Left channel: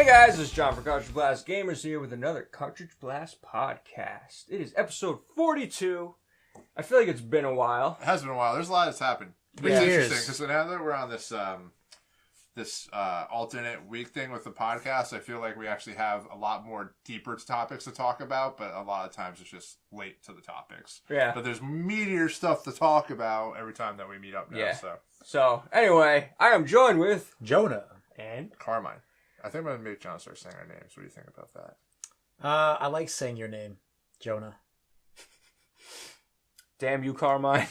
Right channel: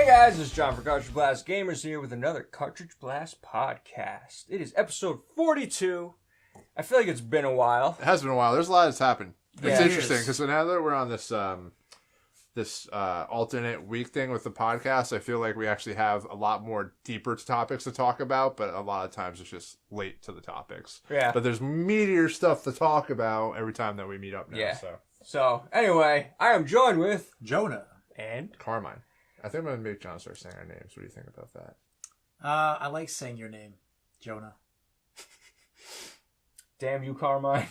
Hey guys, it's John for Cartridge Blast Gamers here with another Cartridge Blast podcast. It is episode 42. I feel like it's been a while. It has been a while. There's a lot that's happened. It's interesting because now that we're on this alternate week thing with the podcast, I feel like we actually have a lot more deeper topics to talk about, but a lot of times it's just late to the topics. Yeah. But there's meatier stuff to talk about every time that we meet up now. Yeah. So anyway, I am joined with Jonah and Carmine. I think I'm going to make John start saying our names. What do you think about that? I like saying your name, Jonah. damn you, Carmine.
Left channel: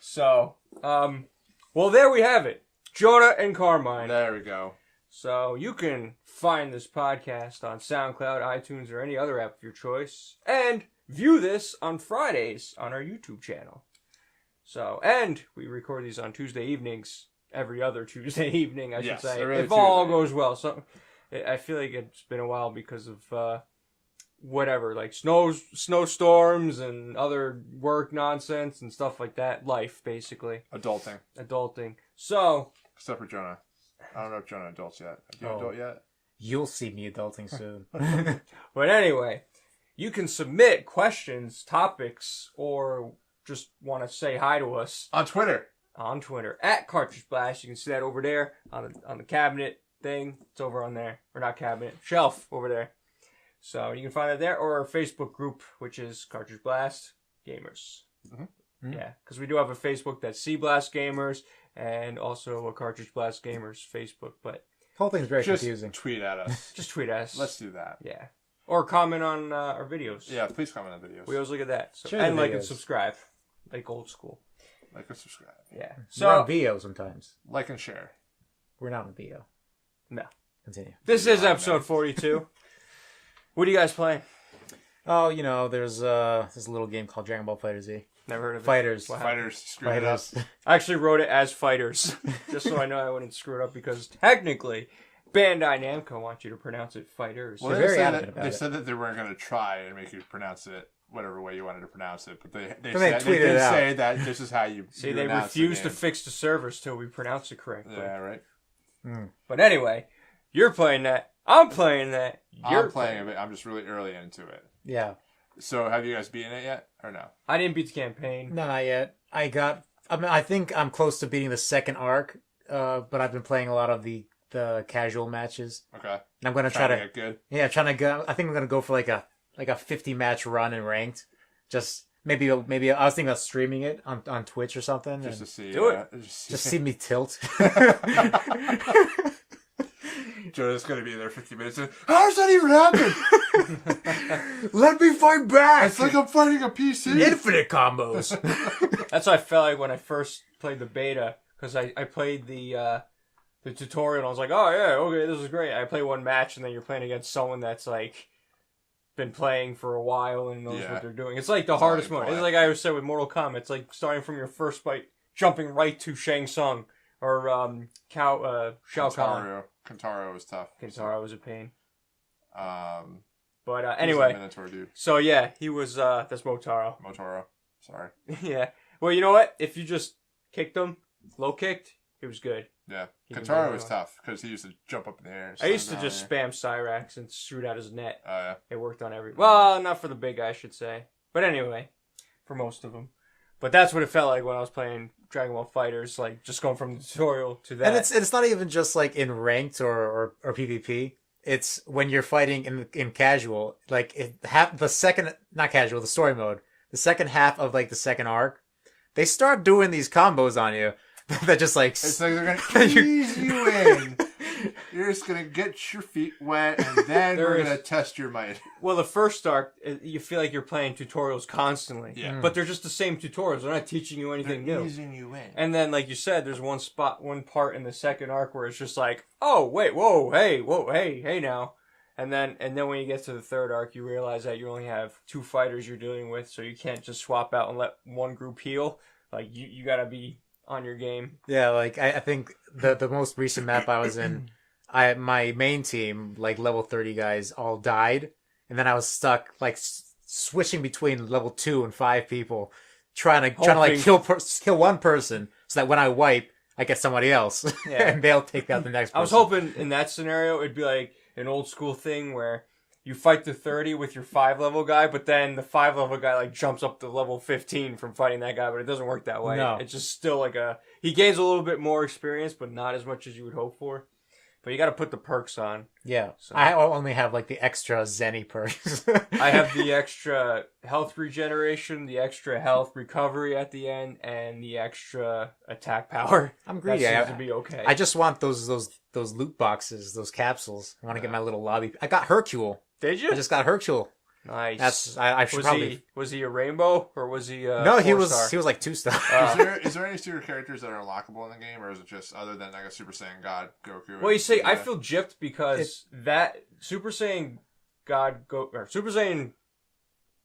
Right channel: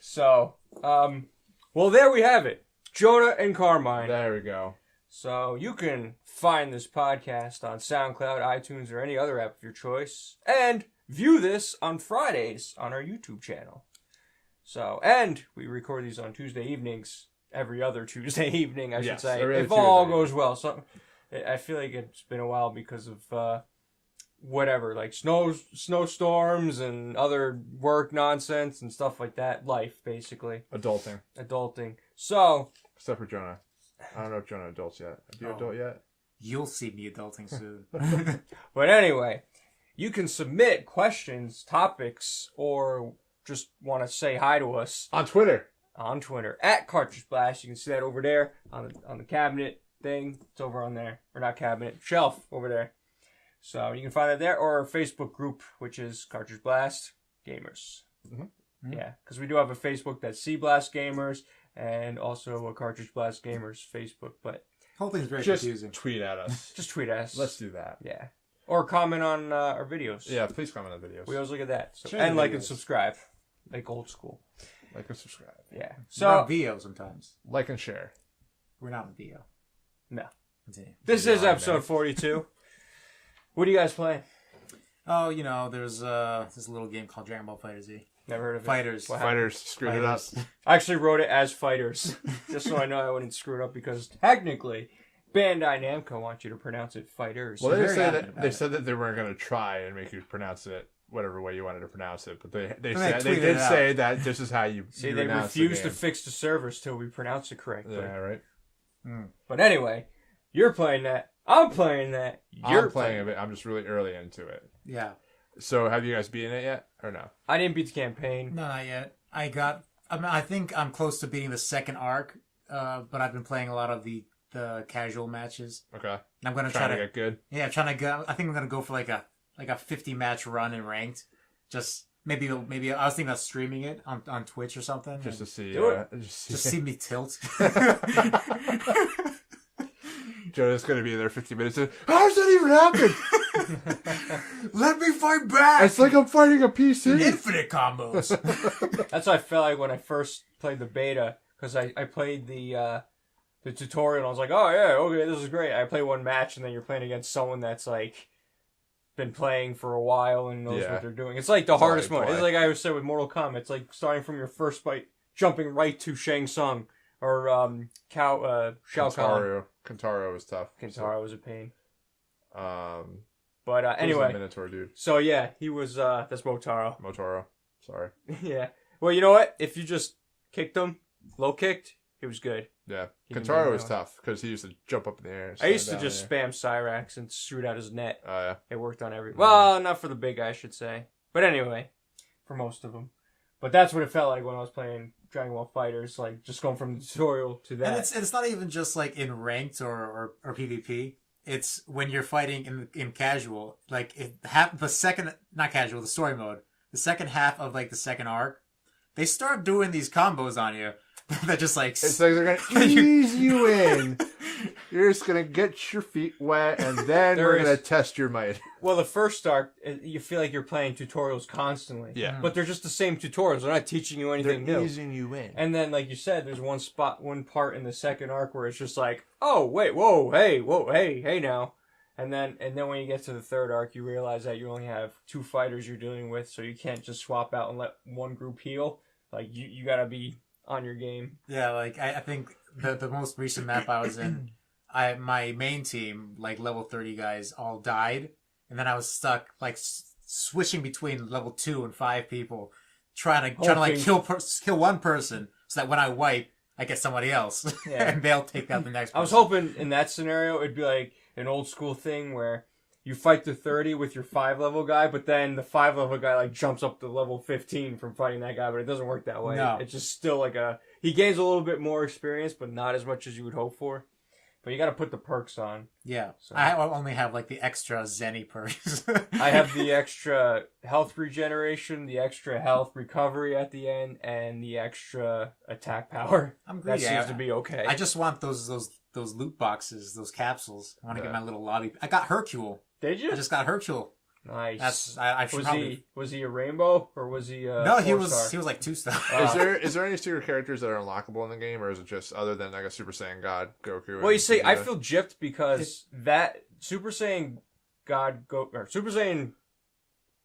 So, well, there we have it. Jonah and Carmine. There we go. So you can find this podcast on SoundCloud, iTunes, or any other app of your choice, and view this on Fridays on our YouTube channel. So, and we record these on Tuesday evenings. Every other Tuesday evening, I should say, if all goes well. So, I feel like it's been a while because of whatever, like snowstorms and other work nonsense and stuff like that. Life, basically. Adulting. So, except for Jonah. I don't know if Jonah adults yet. Do you adult yet? You'll see me adulting soon. But anyway, you can submit questions, topics, or just want to say hi to us on Twitter. At Cartridge Blast. You can see that over there on the cabinet thing. It's over on there. Or not cabinet, shelf over there. So you can find that there, or our Facebook group, which is Cartridge Blast Gamers. Mm-hmm. Yeah, because we do have a Facebook that's CBlast Gamers and also a Cartridge Blast Gamers Facebook. But the whole thing's very confusing. Tweet at us. Just tweet at us. Let's do that. Yeah. Or comment on our videos. Yeah, please comment on videos. We always look at that. So, and like and subscribe. Like old school. Like and subscribe. Yeah. So we're on VO sometimes. Like and share. We're not on VO. No. Continue. This is episode 42. What are you guys playing? Oh, you know, there's this little game called Dragon Ball FighterZ. Never heard of it. Fighters. Screwed it up. I actually wrote it as Fighters. Just so I know I wouldn't screw it up because technically Bandai Namco wants you to pronounce it Fighters. Well, they said that they weren't going to try and make you pronounce it whatever way you wanted to pronounce it, but they did say that this is how you see. They refused to fix the servers till we pronounce it correctly. Yeah, right. But anyway, you're playing that. I'm playing that. You're playing it. I'm just really early into it. Yeah. So have you guys beaten it yet, or no? I didn't beat the campaign. No, not yet. I think I'm close to beating the second arc, but I've been playing a lot of the casual matches. Okay. And I'm gonna try to get good. Yeah, trying to go. I think I'm gonna go for like a 50 match run in ranked. Just maybe I was thinking about streaming it on Twitch or something. Just to see. Do it. Just see me tilt. Jonah's gonna be there 50 minutes. How does that even happen? Let me fight back. It's like I'm fighting a PC. Infinite combos. That's what I felt like when I first played the beta, because I played the tutorial and I was like, oh yeah, okay, this is great. I play one match and then you're playing against someone that's like been playing for a while and knows what they're doing. It's like the hardest mode. It's like I always said with Mortal Kombat. It's like starting from your first fight, jumping right to Shang Tsung or Shao Kahn. Kentaro was tough. Kentaro was a pain. But anyway, Minotaur dude. So yeah, he was. That's Motaro. Sorry. Yeah. Well, you know what? If you just kicked him, low kicked, it was good. Yeah. Kentaro was tough because he used to jump up in the air. I used to just spam Cyrax and shoot out his net. Oh, yeah. It worked on every... Well, not for the big guy, I should say. But anyway, for most of them. But that's what it felt like when I was playing Dragon Ball FighterZ, like just going from the tutorial to that. And it's not even just like in ranked or PvP. It's when you're fighting in casual, like the second, not casual, the story mode, the second half of like the second arc, they start doing these combos on you that just like... It's like they're going to ease you in. You're just going to get your feet wet, and then we're going to test your might. Well, the first arc, you feel like you're playing tutorials constantly. Yeah. But they're just the same tutorials. They're not teaching you anything new. They're easing you in. And then, like you said, there's one part in the second arc where it's just like, oh, wait, whoa, hey now. And then when you get to the third arc, you realize that you only have 2 fighters you're dealing with, so you can't just swap out and let one group heal. Like, you gotta be on your game. Yeah, like, I think the most recent map I was in, my main team, like, level 30 guys, all died. And then I was stuck, like, switching between level 2 and 5 people, trying to like, kill one person, so that when I wipe, I get somebody else, Yeah. and they'll take out the next person. I was hoping in that scenario it'd be like an old school thing where you fight the 30 with your 5 level guy, but then the 5 level guy like jumps up to level 15 from fighting that guy, but it doesn't work that way. No. It's just still like he gains a little bit more experience, but not as much as you would hope for. But you got to put the perks on. Yeah. So. I only have like the extra Zenny perks. I have the extra health regeneration, the extra health recovery at the end, and the extra attack power. I'm greedy. That seems to be okay. I just want those loot boxes, those capsules. I want to get my little lobby. I got Hercule. Did you? I just got Hercule. Nice. I should probably. Was he a rainbow or was he? No, he 4-star? was like 2-star. Is there any secret characters that are unlockable in the game, or is it just other than like a Super Saiyan God Goku? Well, you see, I feel gypped because that Super Saiyan or Super Saiyan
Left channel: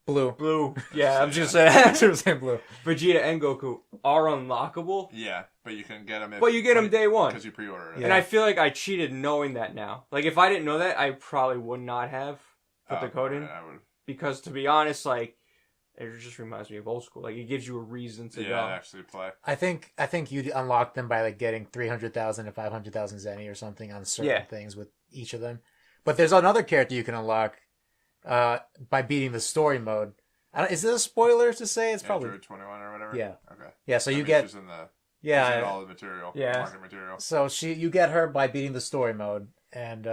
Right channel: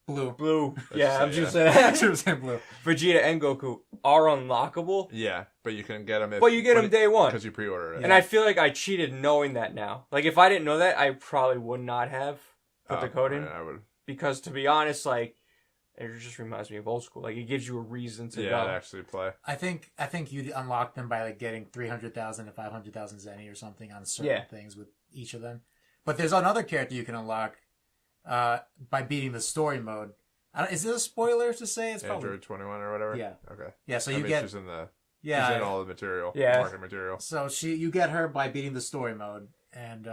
Blue. Yeah, I'm just saying Super Saiyan Blue. Vegeta and Goku are unlockable. Yeah, but you can get them. But you get them day one because you pre-order it. And I feel like I cheated knowing that now. Like if I didn't know that, I probably would not have put the code in. Yeah, I would. Because to be honest, like it just reminds me of old school. Like it gives you a reason to go. Actually play. I think you unlock them by like getting 300,000 to 500,000 Zenny or something on certain things with each of them. But there's another character you can unlock by beating the story mode. Is this a spoiler to say? It's probably Android 21 or whatever. Yeah. Okay. Yeah. So She's in all the material. Yeah. Market material. So you get her by beating the story mode, and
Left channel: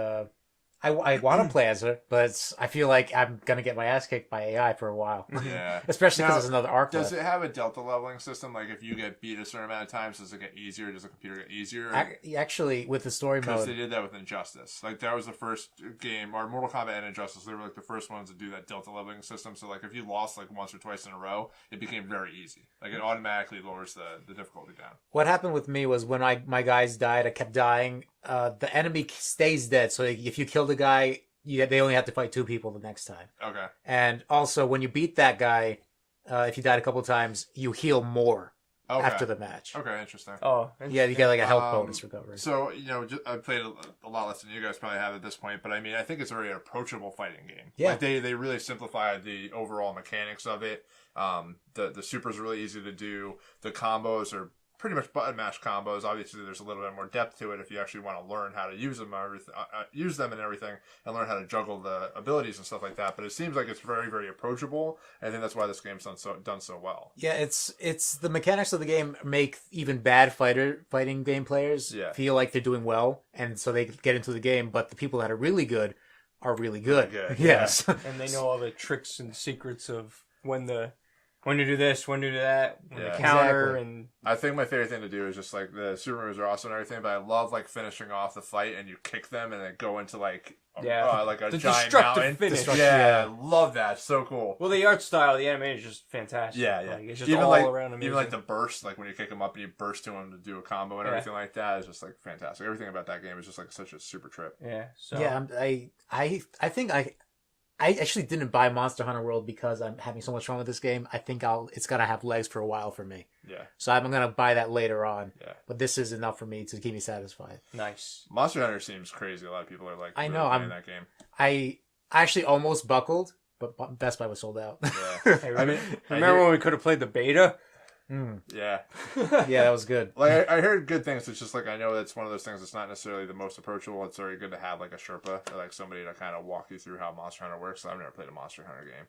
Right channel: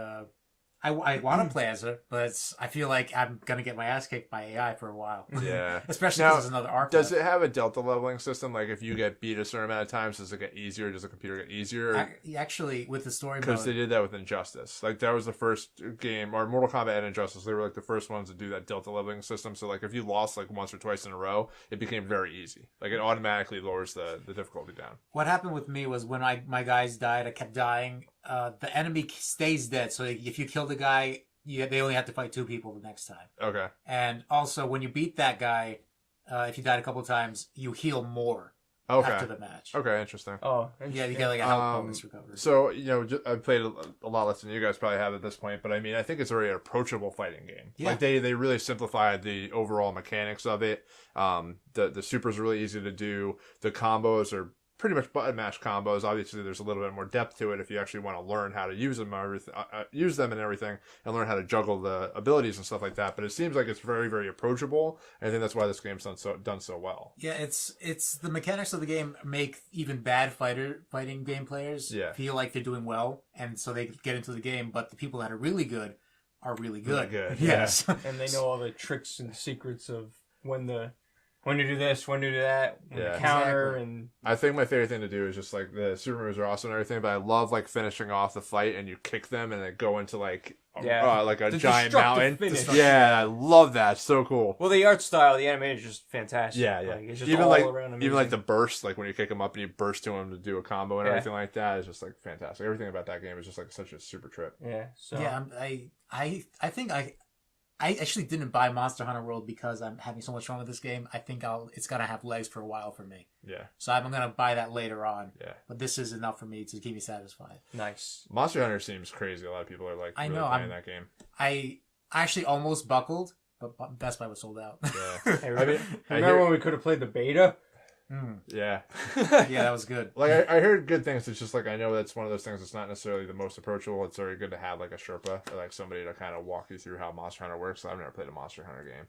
I want to play as her, but I feel like I'm gonna get my ass kicked by AI for a while. Yeah, especially because there's another arc. Does it have a delta leveling system? Like if you get beat a certain amount of times, does it get easier? Does the computer get easier? Actually, with the story mode, because they did that with Injustice. Like that was the first game, or Mortal Kombat and Injustice. They were like the first ones to do that delta leveling system. So like if you lost like once or twice in a row, it became very easy. Like it automatically lowers the difficulty down. What happened with me was when my guys died, I kept dying. The enemy stays dead, so if you kill the guy, they only have to fight 2 people the next time. Okay. And also, when you beat that guy, if you died a couple times, you heal more after the match. Okay, interesting. Oh, yeah, you get like a health bonus recovery. So, I played a lot less than you guys probably have at this point, but I mean, I think it's already an approachable fighting game. Yeah. Like they really simplified the overall mechanics of it. The supers are really easy to do. The combos are pretty much button mash combos. Obviously, there's a little bit more depth to it if you actually want to learn how to use them, and everything, and learn how to juggle the abilities and stuff like that. But it seems like it's very, very approachable, and I think that's why this game's done so well. Yeah, it's the mechanics of the game make even bad fighting game players feel like they're doing well, and so they get into the game. But the people that are really good are really good. Yes, and they know all the tricks and secrets of when to do this, when to do that, when to counter, and I think my favorite thing to do is just like the super moves are awesome and everything, but I love like finishing off the fight and you kick them and they go into like a the giant destructive mountain. Finish. Yeah, love that. So cool. Well, the art style, the animation is just fantastic. Yeah. Like, it's just even all like, around amazing. Even like the burst, like when you kick him up and you burst to him to do a combo and everything like that is just like fantastic. Everything about that game is just like such a super trip. Yeah. So I think I actually didn't buy Monster Hunter World because I'm having so much fun with this game. I think it's gonna have legs for a while for me. Yeah. So I'm gonna buy that later on. Yeah. But this is enough for me to keep me satisfied. Nice. Monster Hunter seems crazy. A lot of people are like, I really know, playing that game. I actually almost buckled, but Best Buy was sold out. Yeah. Hey, remember when we could have played the beta? Yeah. Yeah, that was good. Like I heard good things. It's just like I know that's one of those things that's not necessarily the most approachable. It's very good to have like a Sherpa or like somebody to kind of walk you through how Monster Hunter works. I've never played a Monster Hunter game.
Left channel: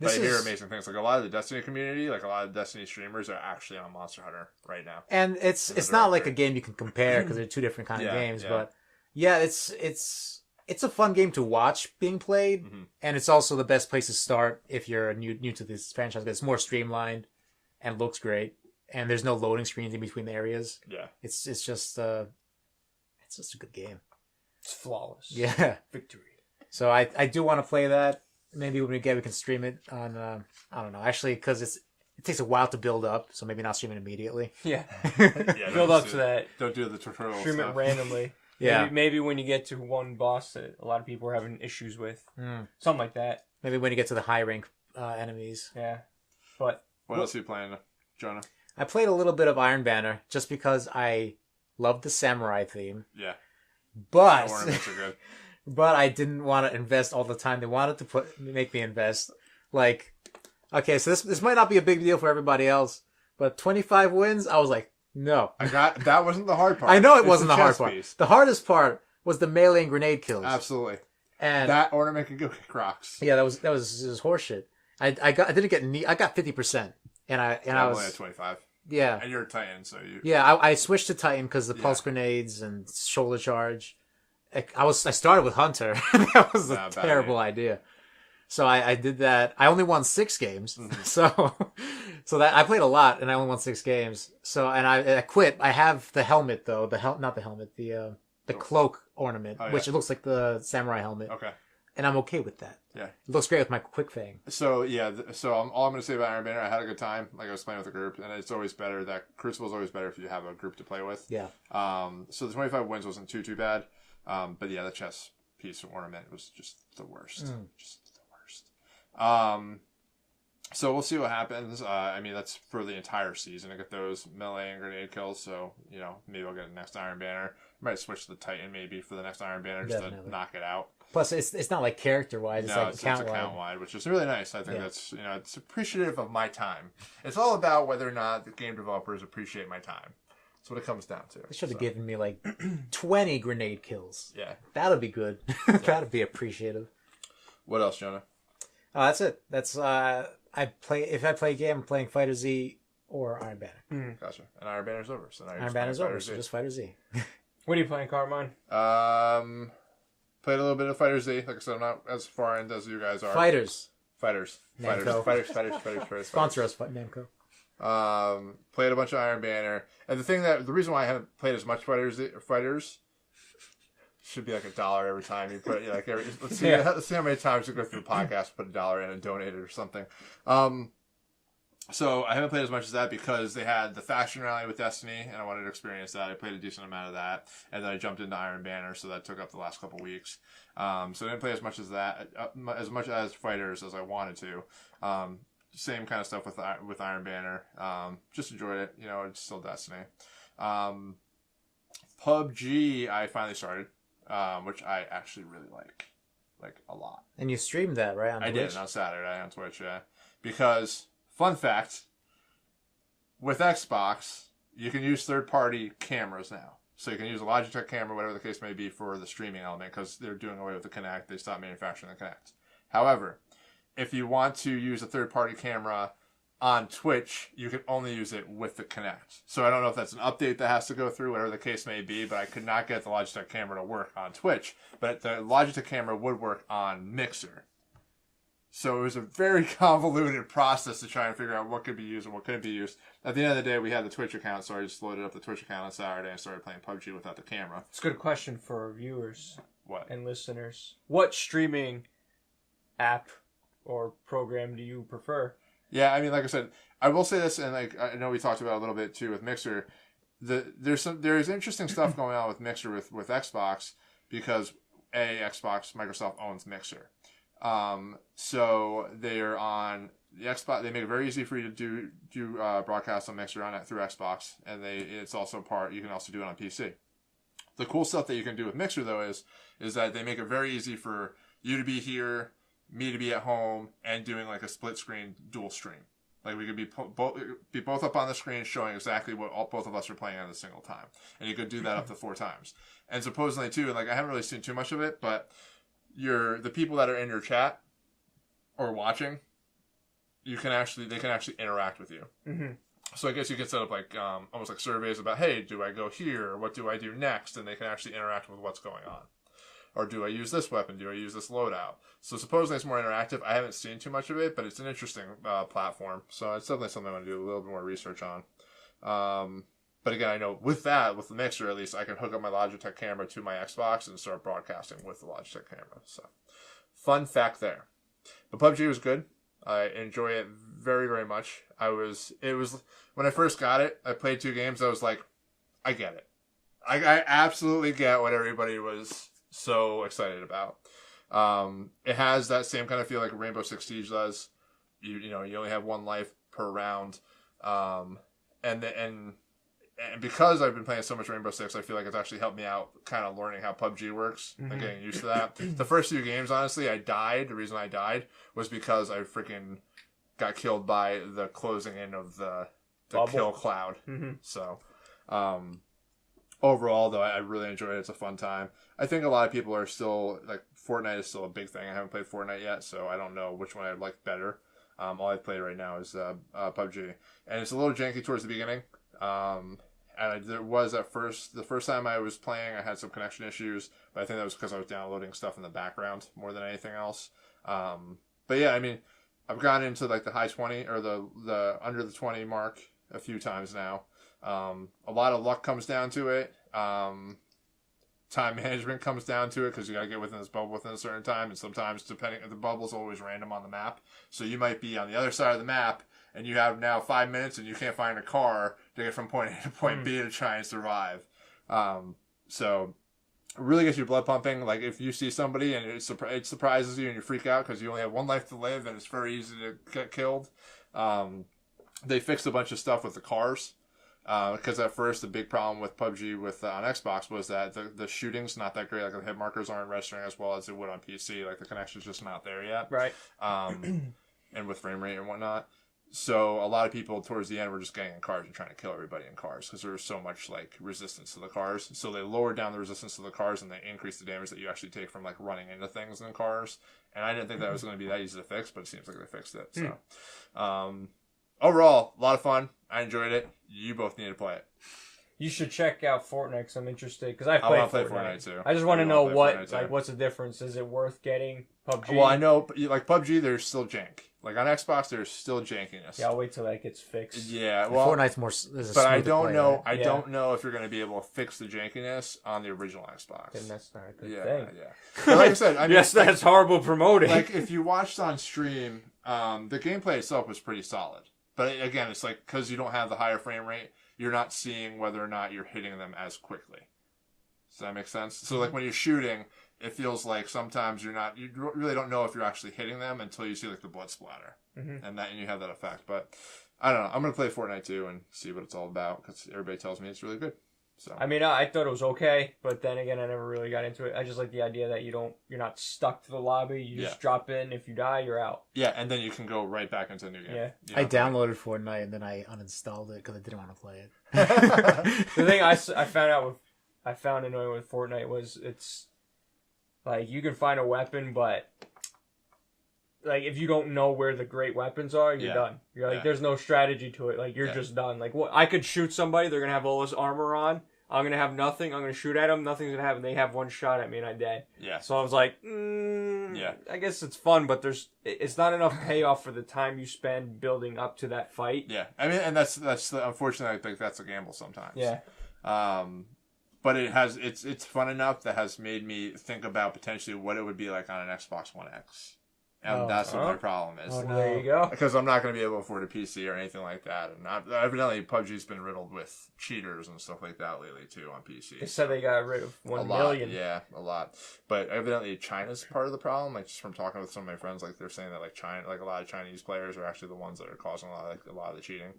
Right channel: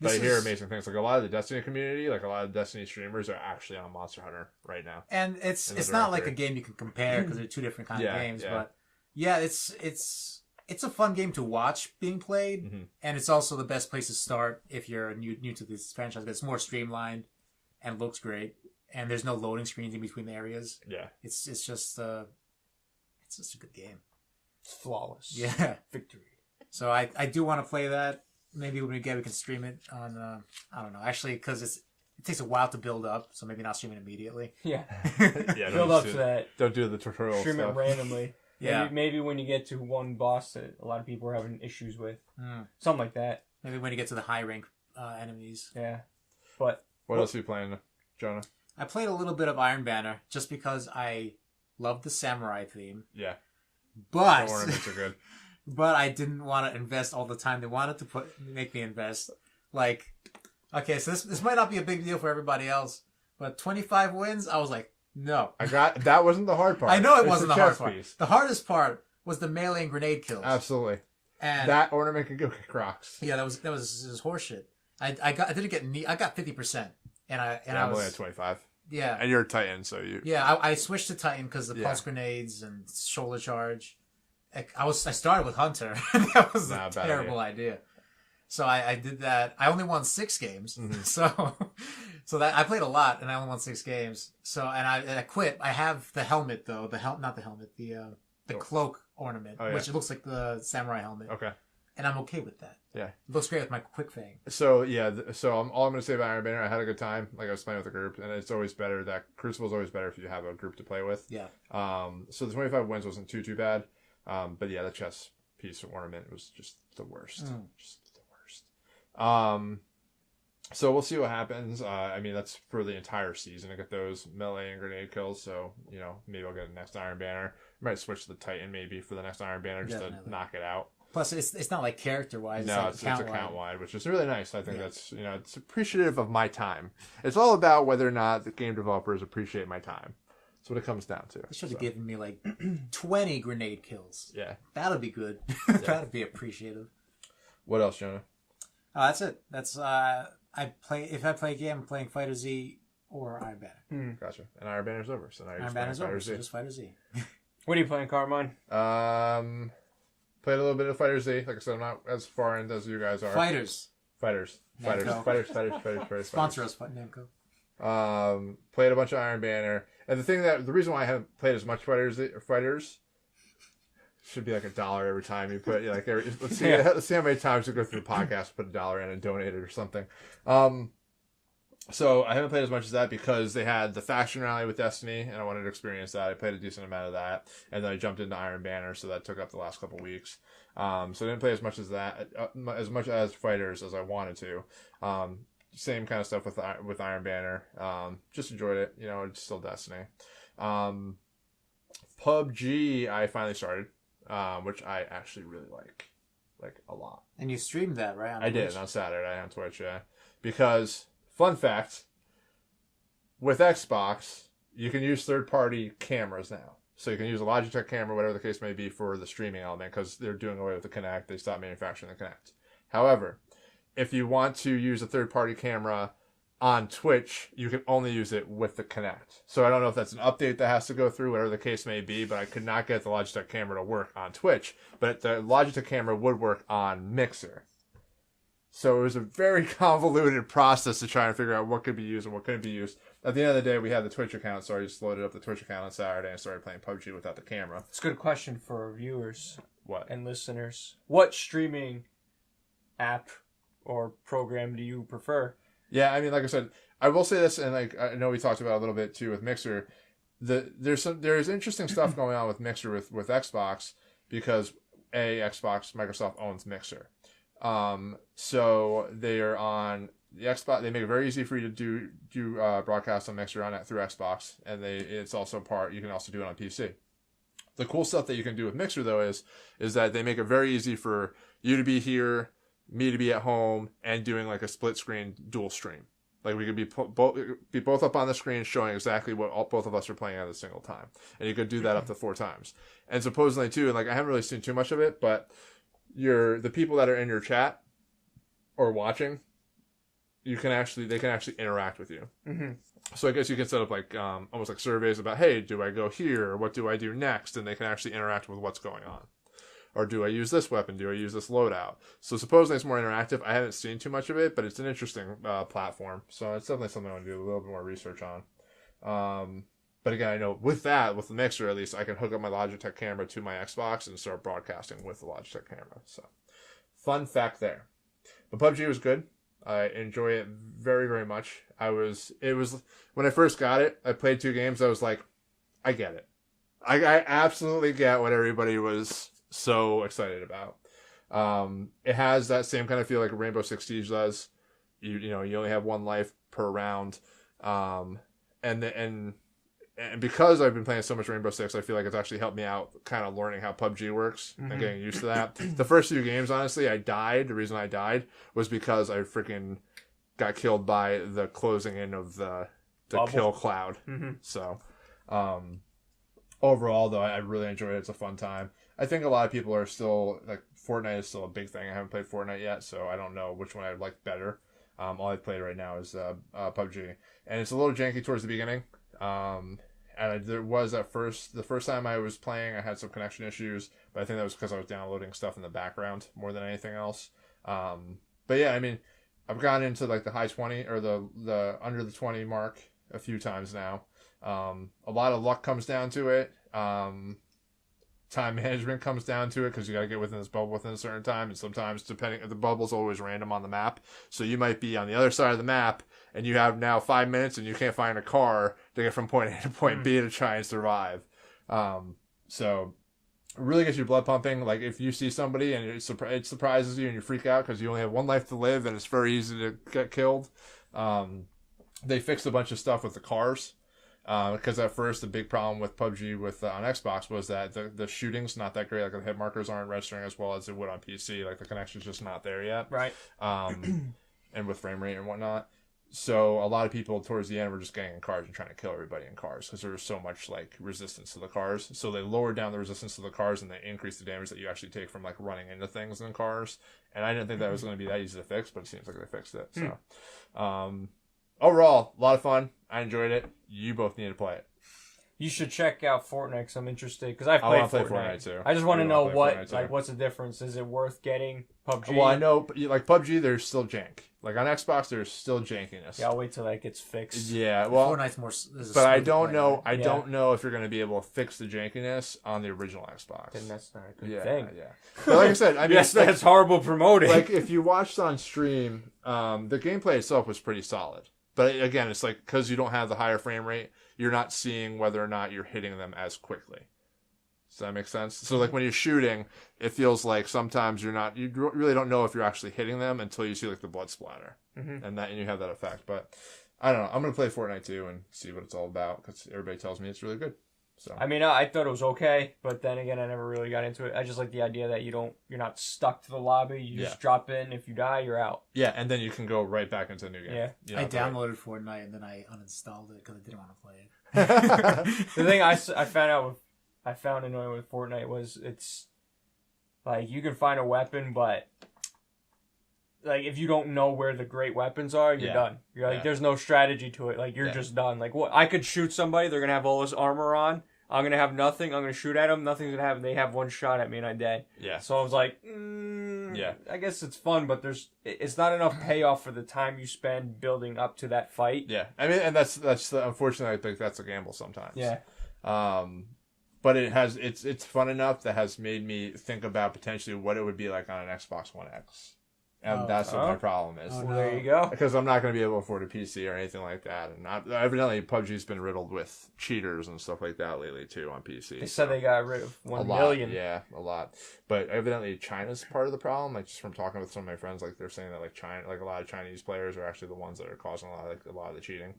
But I hear amazing things. Like a lot of the Destiny community, like a lot of Destiny streamers are actually on Monster Hunter right now. And it's not like a game you can compare because they're 2 different kind of games. Yeah. But yeah, it's a fun game to watch being played, and it's also the best place to start if you're new to this franchise. Because it's more streamlined and looks great, and there's no loading screens in between the areas. Yeah, it's just a good game. It's flawless. Yeah, Victory. So I do want to play that. Maybe when we can stream it on. I don't know, actually, because it takes a while to build up, so maybe not stream it immediately. Yeah. yeah. Build up to that. Don't do the tutorial Stream stuff. it randomly. Yeah. Maybe when you get to one boss that a lot of people are having issues with, something like that. Maybe when you get to the high rank enemies. Yeah. But what else are you playing, Jonah? I played a little bit of Iron Banner just because I love the samurai theme. Yeah. But the ornaments are good. But I didn't want to invest all the time they wanted to make me invest. Like, okay, so this might not be a big deal for everybody else, but 25 wins, I was like, No. That wasn't the hard part. I know it It's wasn't the hard chess part. piece. The hardest part was the melee and grenade kills. Absolutely. And that ornament could go kick rocks. Yeah, that was horseshit. I didn't get I got 50%, and I was only at 25. Yeah, and you're a Titan, so you. Yeah, I switched to Titan because the pulse grenades and shoulder charge. I started with Hunter. That was a terrible idea. So I did that. I only won 6 games. Mm-hmm. So that I played a lot, and I only won 6 games. So I quit. I have the helmet though. Not the helmet. The cloak ornament, which it looks like the samurai helmet. Okay. And I'm okay with that. Yeah. It looks great with my quick fang. So yeah. All I'm going to say about Iron Banner, I had a good time. Like I was playing with a group, and it's always better. That Crucible is always better if you have a group to play with. Yeah. So the 25 wins wasn't too bad. But yeah, the chess piece ornament was just the worst. Just the worst. So we'll see what happens. I mean, that's for the entire season. I get those melee and grenade kills. So, maybe I'll get the next Iron Banner. I might switch to the Titan maybe for the next Iron Banner just to knock it out. Plus, it's not like character-wise. No, it's account-wide, which is really nice. I think that's, it's appreciative of my time. It's all about whether or not the game developers appreciate my time. That's what it comes down to. They should have given me like 20 grenade kills. Yeah. That'll be good. That'd be appreciative. What else, Jonah? That's it. That's if I play a game, I'm playing Fighter Z or Iron Banner. Gotcha. And Iron Banner's over. So now Iron Banner's over, so just Fighter Z. What are you playing, Carmine? Played a little bit of Fighter Z. Like I said, I'm not as far into as you guys are. Fighters. Fighters. Sponsor us, Namco. Played a bunch of Iron Banner. And the reason why I haven't played as much Fighters should be like $1 every time you put let's see how many times you go through the podcast, put $1 in and donate it or something. So I haven't played as much as that because they had the faction rally with Destiny, and I wanted to experience that. I played a decent amount of that, and then I jumped into Iron Banner, so that took up the last couple weeks. So I didn't play as much as that, as much as Fighters as I wanted to. Same kind of stuff with Iron Banner. Just enjoyed it. It's still Destiny. PUBG I finally started, which I actually really like a lot. And you streamed that, right? I did on Saturday on Twitch, yeah. Because fun fact, with Xbox, you can use third-party cameras now. So you can use a Logitech camera, whatever the case may be, for the streaming element, because they're doing away with the Kinect. They stopped manufacturing the Kinect. However, if you want to use a third-party camera on Twitch, you can only use it with the Kinect. So I don't know if that's an update that has to go through, whatever the case may be, but I could not get the Logitech camera to work on Twitch. But the Logitech camera would work on Mixer. So it was a very convoluted process to try and figure out what could be used and what couldn't be used. At the end of the day, we had the Twitch account, so I just loaded up the Twitch account on Saturday and started playing PUBG without the camera. It's a good question for our viewers and listeners. What streaming app or program do you prefer? Yeah, I mean, like I said, I will say this, and I know we talked about it a little bit too with Mixer. There's interesting stuff going on with Mixer with Xbox because Microsoft owns Mixer. So they are on the Xbox. They make it very easy for you to do broadcasts on Mixer through Xbox, and it's also you can also do it on PC. The cool stuff that you can do with Mixer though is that they make it very easy for you to be here, me to be at home, and doing like a split screen dual stream. Like we could be both up on the screen showing exactly what both of us are playing at a single time, and you could do that up to 4 times. And supposedly too, like I haven't really seen too much of it, but the people that are in your chat or watching, they can actually interact with you. Mm-hmm. So I guess you can set up like almost like surveys about, hey, do I go here? Or what do I do next? And they can actually interact with what's going on. Or do I use this weapon? Do I use this loadout? So supposedly it's more interactive. I haven't seen too much of it, but it's an interesting platform. So it's definitely something I want to do a little bit more research on. But again, I know with the Mixer, at least, I can hook up my Logitech camera to my Xbox and start broadcasting with the Logitech camera. So, fun fact there. But PUBG was good. I enjoy it very, very much. When I first got it, I played 2 games. I was like, I get it. I absolutely get what everybody was so excited about. It has that same kind of feel like Rainbow Six Siege does. You only have 1 life per round. And because I've been playing so much Rainbow Six, I feel like it's actually helped me out kind of learning how PUBG works and getting used to that. The first 2 games, honestly, I died. The reason I died was because I freaking got killed by the closing in of the kill cloud. Mm-hmm. So Overall, though, I really enjoyed it. It's a fun time. I think a lot of people are still, like, Fortnite is still a big thing. I haven't played Fortnite yet, so I don't know which one I'd like better. All I've played right now is PUBG. And it's a little janky towards the beginning. There was the first time I was playing, I had some connection issues, but I think that was because I was downloading stuff in the background more than anything else. But yeah, I mean, I've gotten into like the high 20 or the under the 20 mark a few times now. A lot of luck comes down to it. Time management comes down to it because you got to get within this bubble within a certain time, and sometimes the bubble's always random on the map, so you might be on the other side of the map and you have now 5 minutes and you can't find a car to get from point A to point B to try and survive. So it really gets your blood pumping. Like if you see somebody and it surprises you and you freak out because you only have one life to live and it's very easy to get killed. They fixed a bunch of stuff with the cars. Because at first the big problem with PUBG on Xbox was that the shooting's not that great. Like the hit markers aren't registering as well as it would on PC. Like the connection's just not there yet. Right. And with frame rate and whatnot. So a lot of people towards the end were just getting in cars and trying to kill everybody in cars because there was so much like resistance to the cars. So they lowered down the resistance to the cars and they increased the damage that you actually take from like running into things in cars. And I didn't think that was going to be that easy to fix, but it seems like they fixed it. So, overall, a lot of fun. I enjoyed it. You both need to play it. You should check out Fortnite because I'm interested because I've played Fortnite too. I just want to know what's the difference. Is it worth getting PUBG? Well, I know like PUBG, there's still jank. Like on Xbox, there's still jankiness. Yeah, I'll wait till that gets fixed. Yeah, well, Fortnite's more. But I don't know. I don't know if you're going to be able to fix the jankiness on the original Xbox. Then that's not a good thing. Yeah. But like I said, I mean, yes, that's horrible promoting. Like if you watched on stream, the gameplay itself was pretty solid. But again, it's like because you don't have the higher frame rate, you're not seeing whether or not you're hitting them as quickly. Does that make sense? So like when you're shooting, it feels like sometimes you really don't know if you're actually hitting them until you see like the blood splatter, and you have that effect. But I don't know. I'm gonna play Fortnite too and see what it's all about because everybody tells me it's really good. So I mean, I thought it was okay, but then again, I never really got into it. I just like the idea that you're not stuck to the lobby. You just drop in. If you die, you're out. Yeah, and then you can go right back into a new game. Yeah, I downloaded Fortnite and then I uninstalled it because I didn't want to play it. The thing I found annoying with Fortnite was it's like you can find a weapon, but like if you don't know where the great weapons are, you're done. You're like, there's no strategy to it. Like you're just done. Like what? I could shoot somebody. They're gonna have all this armor on. I'm gonna have nothing. I'm gonna shoot at them. Nothing's gonna happen. They have one shot at me and I'm dead. Yeah. So I was like, I guess it's fun, but it's not enough payoff for the time you spend building up to that fight. Yeah. I mean, and that's unfortunately, I think that's a gamble sometimes. Yeah. But it's fun enough that has made me think about potentially what it would be like on an Xbox One X. And that's what my problem is. Oh, there you go. Because I'm not going to be able to afford a PC or anything like that. And evidently, PUBG's been riddled with cheaters and stuff like that lately, too, on PC. They said they got rid of 1 million. Yeah, a lot. But evidently, China's part of the problem. Like, just from talking with some of my friends, like, they're saying that, like, China, like, a lot of Chinese players are actually the ones that are causing a lot of the cheating.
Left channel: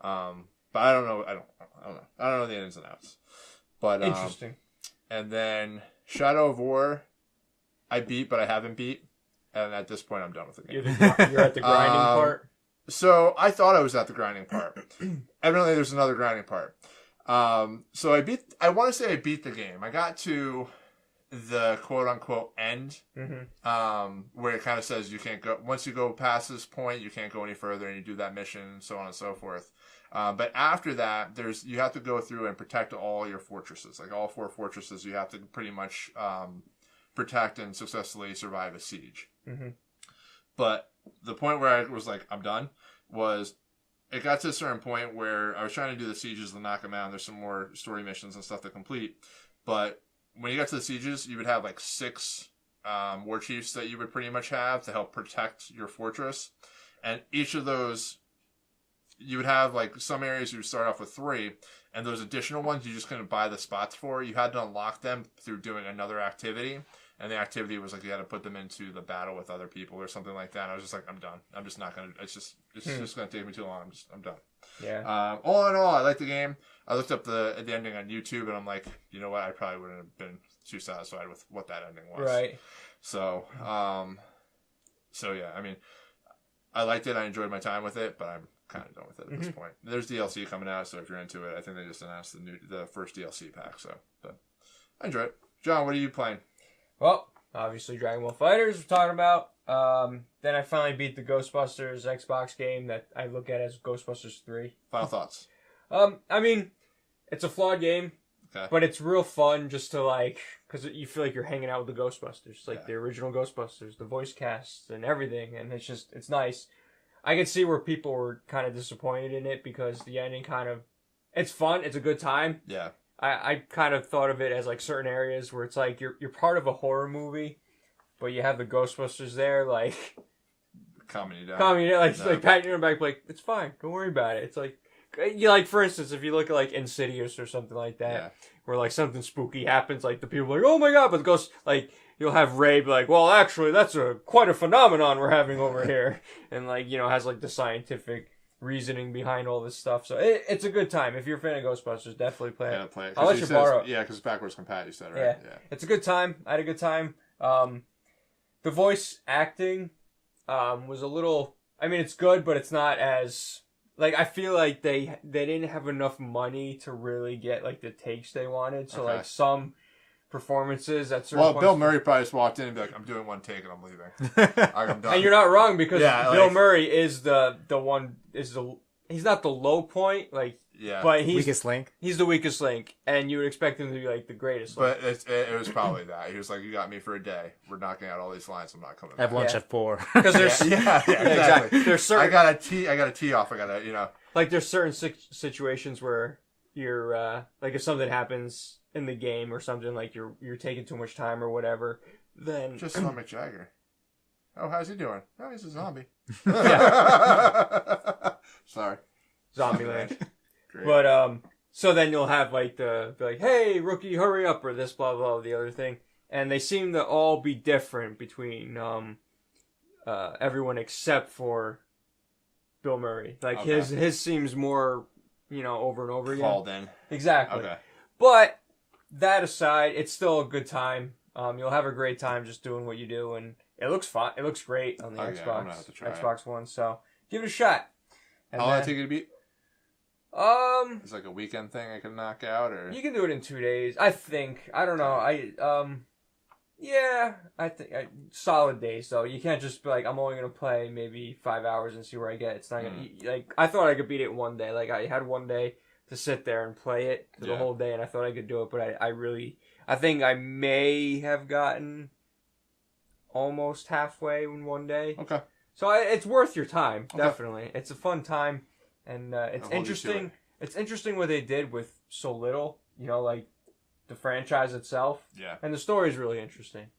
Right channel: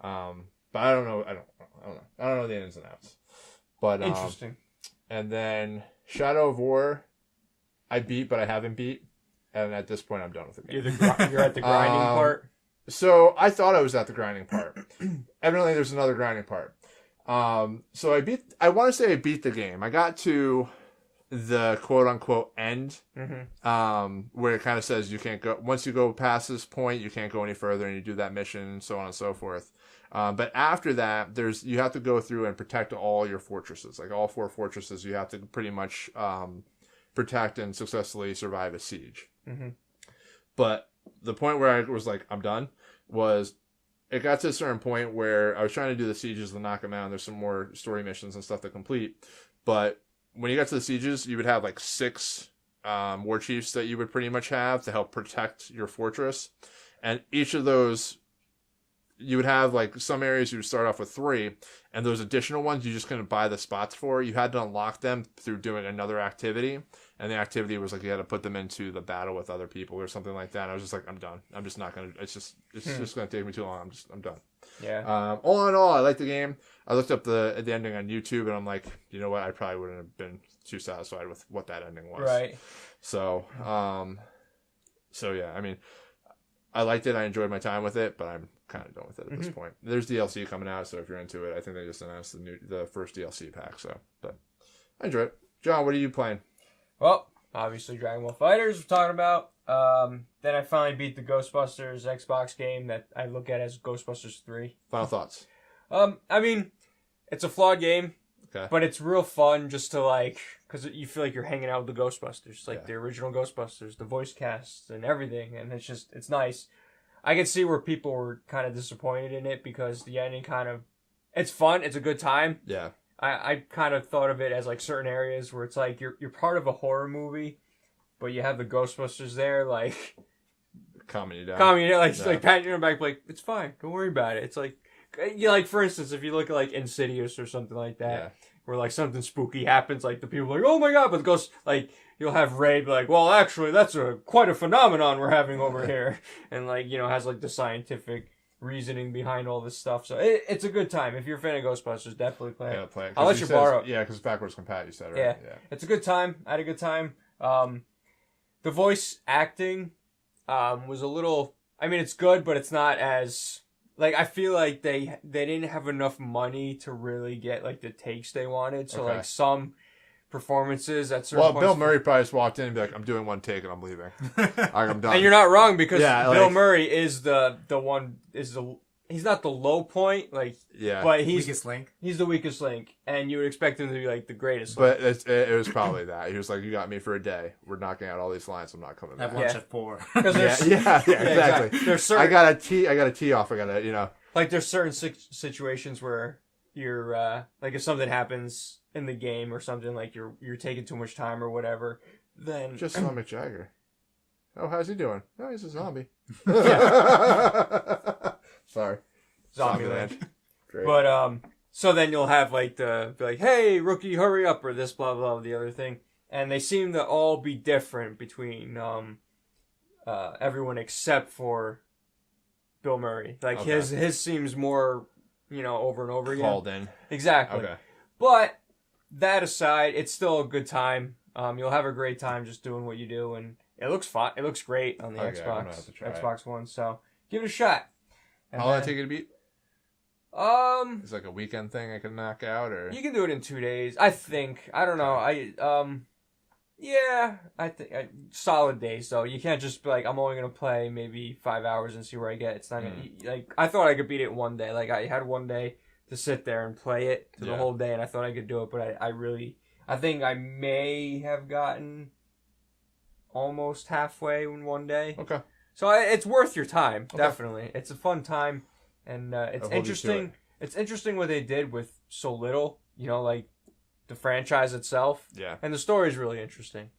But I don't know. I don't know the ins and outs. But interesting. And then Shadow of War, I beat, but I haven't beat. And at this point, I'm done with the game. You're at the grinding part? So I thought I was at the grinding part. Evidently, there's another grinding part. So I want to say I beat the game. I got to the quote-unquote end, where it kind of says you can't go, once you go past this point, you can't go any further, and you do that mission, and so on and so forth. But after that, you have to go through and protect all your fortresses. Like all 4 fortresses, you have to pretty much protect and successfully survive a siege. But the point where I was like, I'm done, was it got to a certain point where I was trying to do the sieges to knock them out. There's some more story missions and stuff to complete. But when you got to the sieges, you would have like 6 war chiefs that you would pretty much have to help protect your fortress. And each of those, you would have like some areas you would start off with 3, and those additional ones you just couldn't buy the spots for. You had to unlock them through doing another activity. And the activity was like you had to put them into the battle with other people or something like that. And I was just like, I'm done. I'm just not gonna. It's just gonna take me too long. I'm done. Yeah. All in all, I like the game. I looked up the ending on YouTube, and I'm like, you know what? I probably wouldn't have been too satisfied with what that ending was. Right. So, so yeah. I mean, I liked it. I enjoyed my time with it, but I'm kind of done with it at this point. There's DLC coming out, so if you're into it, I think they just announced the first DLC pack. So, but I enjoy it. John, what are you playing? Well, obviously Dragon Ball FighterZ we're talking about. Then I finally beat the Ghostbusters Xbox game that I look at as Ghostbusters 3. Final thoughts? I mean, it's a flawed game, but it's real fun just to like, because you feel like you're hanging out with the Ghostbusters, like the original Ghostbusters, the voice casts and everything, and it's nice. I can see where people were kind of disappointed in it because the ending it's fun, it's a good time. Yeah. I kind of thought of it as like certain areas where it's like you're part of a horror movie, but you have the Ghostbusters there, like calming you down, like patting your back, like it's fine, don't worry about it. It's like for instance, if you look at like Insidious or something like that, where like something spooky happens, like the people are like, oh my god, but the ghost, like you'll have Ray be like, well, actually, that's quite a phenomenon we're having over here, and like has like the scientific reasoning behind all this stuff. So it's a good time. If you're a fan of Ghostbusters, definitely play it. Play it. I'll let you borrow it. Yeah, because it's backwards compat, you said, right? Yeah. It's a good time. I had a good time. The voice acting was a little... I mean, it's good, but it's not as... Like, I feel like they didn't have enough money to really get, like, the takes they wanted. So, like, some performances at certain points... Bill Murray probably just walked in and be like, I'm doing one take and I'm leaving. I'm done. And you're not wrong, because Bill Murray is the one... He's not the low point, like... Yeah. But weakest link. He's the weakest link, and you would expect him to be, like, the greatest link. But it was probably that. He was like, you got me for a day. We're knocking out all these lines. I'm not coming back. Have lunch at 4. Because there's... exactly. There's certain... I got a tee off. I got to, Like, there's certain situations where you're, like, if something happens in the game or something, like, you're taking too much time or whatever, then... Just saw Mick Jagger. Oh, how's he doing? Oh, he's a zombie. Sorry. Zombieland. Great. But, so then you'll have, like, be like, hey, rookie, hurry up, or this, blah, blah, the other thing. And they seem to all be different between, everyone except for Bill Murray. Like, his seems more, over and over again. Called in. Exactly. Okay. But, that aside, it's still a good time. You'll have a great time just doing what you do, and it looks fun. It looks great on the Xbox One, so give it a shot. And how long did it take you to beat? It's like a weekend thing I can knock out, or you can do it in 2 days. I think. I don't know. I think solid days though. You can't just be like, I'm only gonna play maybe 5 hours and see where I get. It's not gonna like. I thought I could beat it one day. Like I had one day to sit there and play it for the whole day, and I thought I could do it, but I think I may have gotten almost halfway in one day. Okay. So it's worth your time, definitely. It's a fun time, and it's interesting. It's interesting what they did with so little, like the franchise itself. Yeah. And the story is really interesting.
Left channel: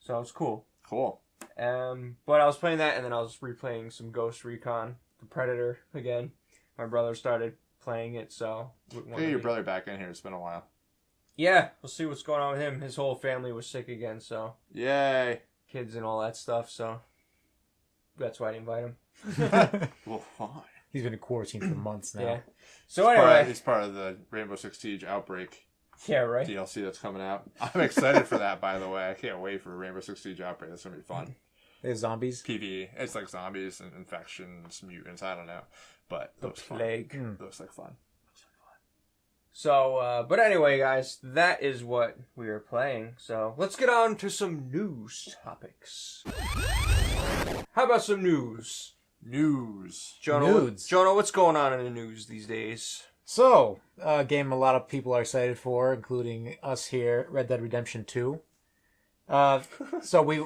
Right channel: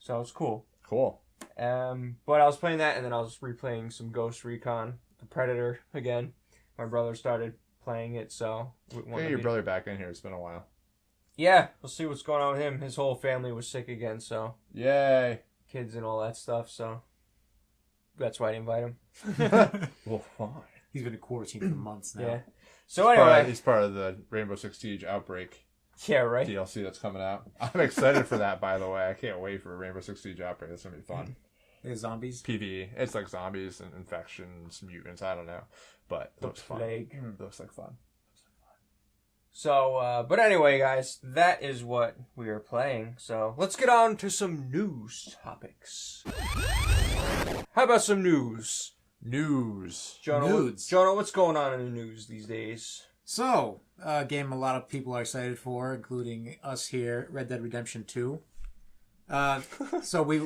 So it's cool. Cool. But I was playing that, and then I was replaying some Ghost Recon, the Predator again. My brother started playing it, so... Get your brother back in here. It's been a while. Yeah, we'll see what's going on with him. His whole family was sick again, so... Yay. Kids and all that stuff, so... That's why I didn't invite him. Well, why? He's been in quarantine for months now. Yeah. So anyway... He's part of the Rainbow Six Siege Outbreak DLC that's coming out. I'm excited for that, by the way. I can't wait for Rainbow Six Siege Outbreak. That's going to be fun. There's zombies? PvE. It's like zombies and infections, mutants, I don't know. But the plague. Looks like fun. So, but anyway, guys, that is what we are playing. So, let's get on to some news topics. How about some news? Jonah, what's going on in the news these days? So, a game a lot of people are excited for, including us here, Red Dead Redemption 2. So we...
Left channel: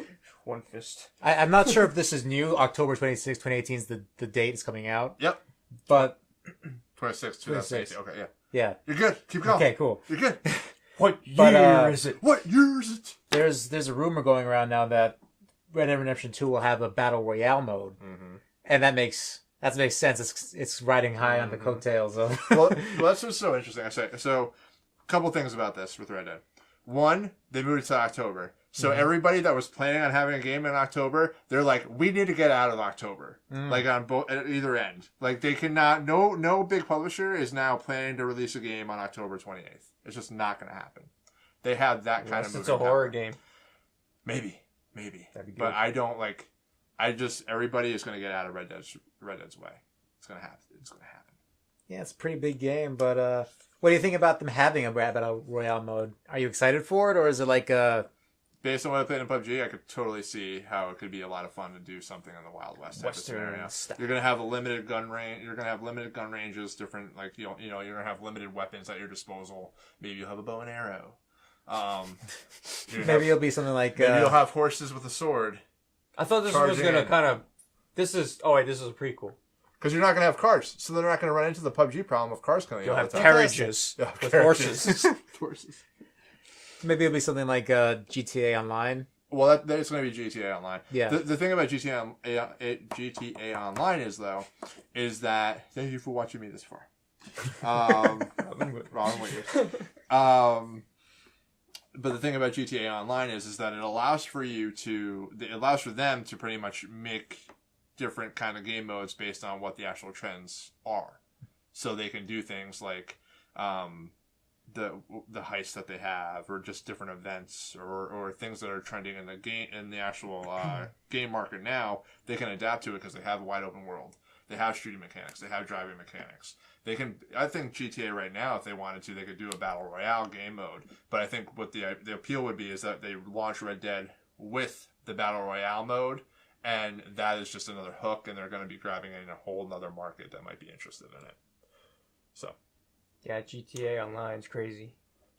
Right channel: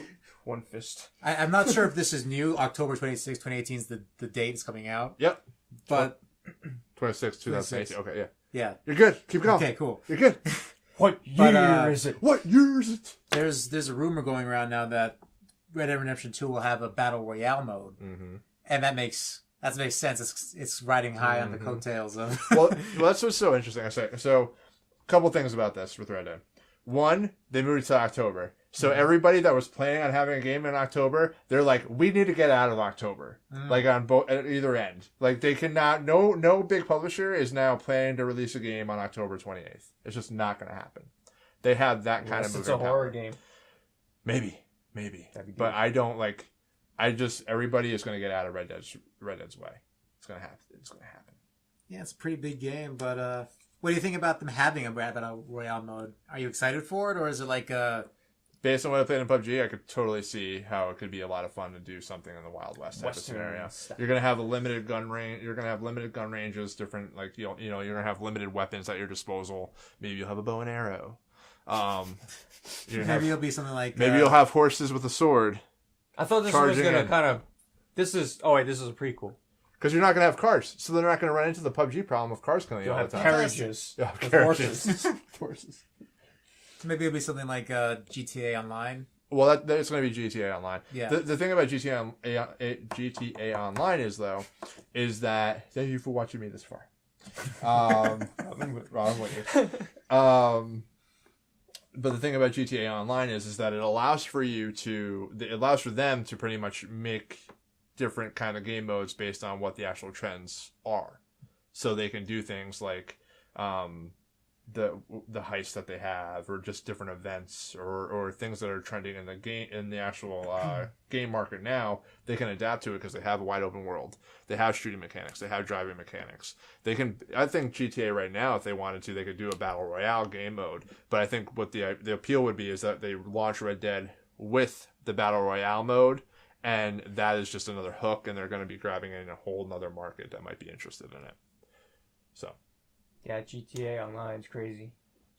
One fist. I'm not sure if this is new. October 26, 2018 is the date it's coming out. Yep. But... 26, 2018. Okay, yeah. Yeah. You're good. Keep going. Okay, cool. You're good. What year is it? What year is it? There's a rumor going around now that Red Dead Redemption 2 will have a Battle Royale mode. Mm-hmm. And that makes sense. It's riding high on the coattails of... well, that's what's so interesting. So, a couple things about this with Red Dead. One, they moved it to October. So everybody that was planning on having a game in October, they're like, we need to get out of October. Like on at either end. Like they cannot, no big publisher is now planning to release a game on October 28th. It's just not going to happen. They have that kind of... It's a horror game. Maybe. But I don't everybody is going to get out of Red Dead's way. It's gonna happen. It's gonna happen. Yeah, it's a pretty big game, but what do you think about them having a Battle Royale mode? Are you excited for it, or is it like Based on what I played in PUBG, I could totally see how it could be a lot of fun to do something in the Wild West type of scenario. You're gonna have a limited gun range. You're gonna have limited gun ranges, different like you're gonna have limited weapons at your disposal. Maybe you'll have a bow and arrow. maybe it'll be something like maybe you'll have horses with a sword. I thought this was gonna kind of. This is a prequel. Because you're not gonna have cars, so they're not gonna run into the PUBG problem of cars coming. You'll have carriages with horses. Horses. Maybe it'll be something like GTA Online. Well, that's going to be GTA Online. Yeah. The thing about GTA Online is that thank you for watching me this far. Wrong way. But the thing about GTA Online is that it allows for them to pretty much make different kind of game modes based on what the actual trends are. So they can do things like the heists that they have, or just different events, or things that are trending in the game, in the actual game market now. They can adapt to it because they have a wide open world. They have shooting mechanics. They have driving mechanics. They can. I think GTA right now, if they wanted to, they could do a battle royale game mode. But I think what the appeal would be is that they launch Red Dead with the battle royale mode, and that is just another hook, and they're going to be grabbing in a whole nother market that might be interested in it. So. Yeah, GTA Online is crazy.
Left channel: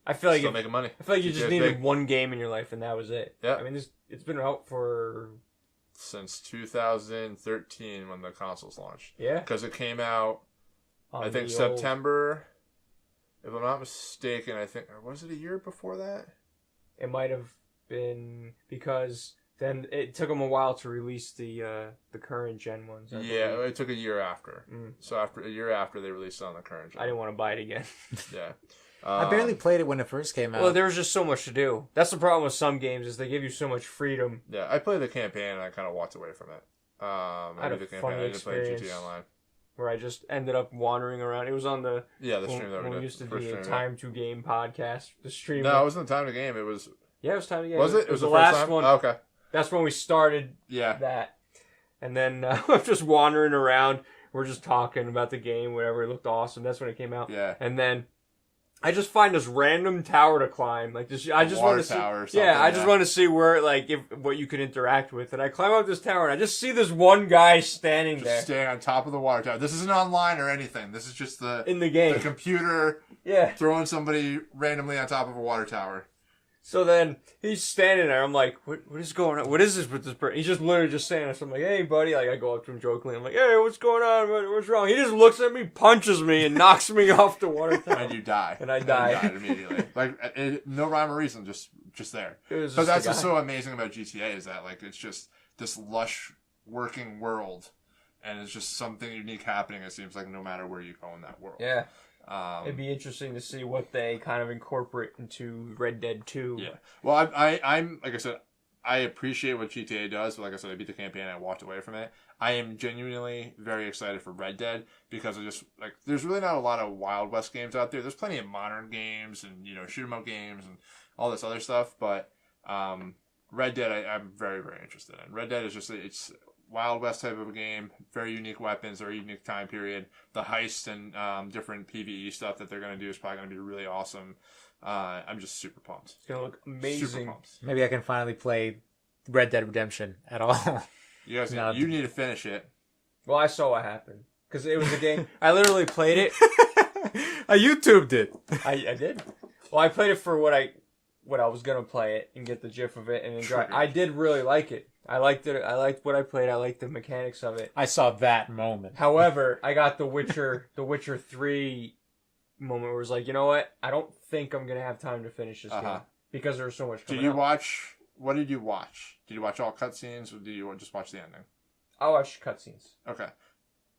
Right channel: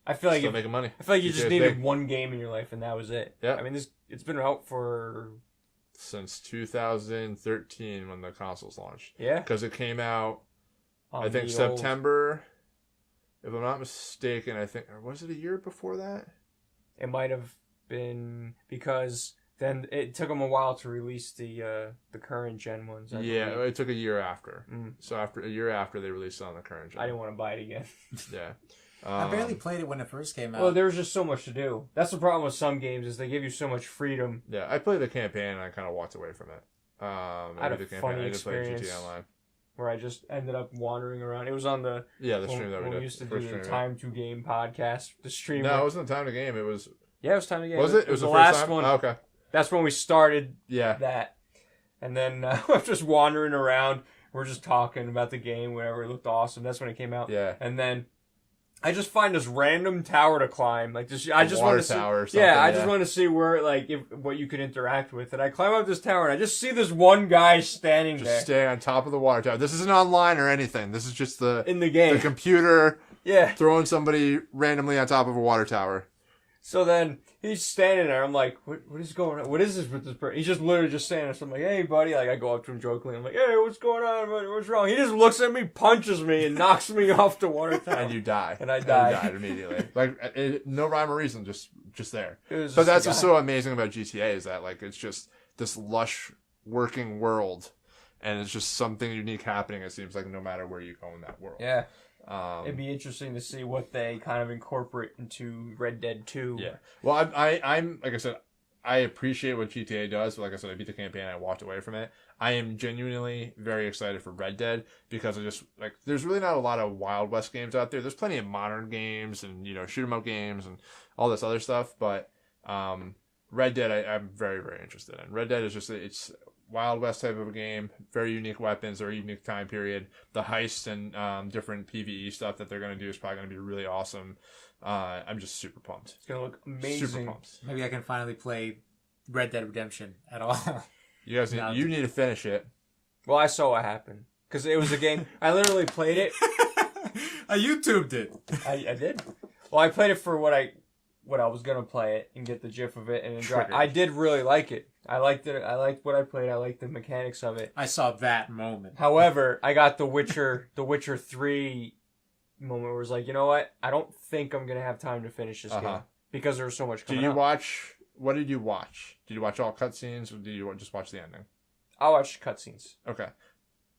I feel like still making money. I feel like you just needed one game in your life, and that was it. Yeah. I mean, it's been out since 2013 when the consoles launched. Yeah. Because it came out, I think September. If I'm not mistaken, I think, or was it a year before that? It might have been, because then it took them a while to release the current gen ones. I believe. It took a year after. So after a year after they released it on the current gen. I didn't want to buy it again. Yeah. I barely played it when it first came out. Well, there was just so much to do. That's the problem with some games, is they give you so much freedom. Yeah, I played the campaign and I kind of walked away from it. I had a funny experience where I just ended up wandering around. It was on the stream that we used to do the Time to Game podcast. The stream. No, it wasn't the Time to Game. It was. Yeah, it was Time to Game. Was it? It was the last one. Oh, okay. That's when we started. Yeah. That, and then I'm just wandering around. We're just talking about the game, whatever. It looked awesome. That's when it came out. Yeah. And then I just find this random tower to climb. Like this, I just want to see. I just want to see where, like, what you could interact with. And I climb up this tower, and I just see this one guy standing there, standing on top of the water tower. This isn't online or anything. This is just in the game, the computer. Yeah. Throwing somebody randomly on top of a water tower. So then he's standing there. I'm like, what is going on? What is this with this person? He's just literally just standing there. So I'm like, hey, buddy. Like, I go up to him jokingly. I'm like, hey, what's going on? What's wrong? He just looks at me, punches me, and knocks me off the water tower. And you die. And I die. You died immediately. Like, no rhyme or reason, just there. But that's what's so amazing about GTA is that, like, it's just this lush working world. And it's just something unique happening, it seems like, no matter where you go in that world. Yeah. It'd be interesting to see what they kind of incorporate into Red Dead 2. Yeah. Well, I'm like I said, I appreciate what GTA does, but like I said, I beat the campaign and I walked away from it. I am genuinely very excited for Red Dead because I just, like, there's really not a lot of Wild West games out there. There's plenty of modern games and, shoot 'em up games and all this other stuff, but Red Dead I'm very, very interested in. Red Dead is just, it's Wild West type of a game, very unique weapons, very unique time period. The heist and different PvE stuff that they're going to do is probably going to be really awesome. I'm just super pumped. It's going to look amazing. Super pumped. Maybe I can finally play Red Dead Redemption at all. You guys need to finish it. Well, I saw what happened. Because it was a game. I literally played it. I YouTubed it. I did. Well, I played it for what I was going to play it and get the gif of it and enjoy it. I did really like it. I liked it. I liked what I played. I liked the mechanics of it. I saw that moment. However, I got the Witcher 3 moment where it was like, you know what? I don't think I'm going to have time to finish this game. Because there's so much coming out. What did you watch? Did you watch all cutscenes or did you just watch the ending? I watched cutscenes. Okay.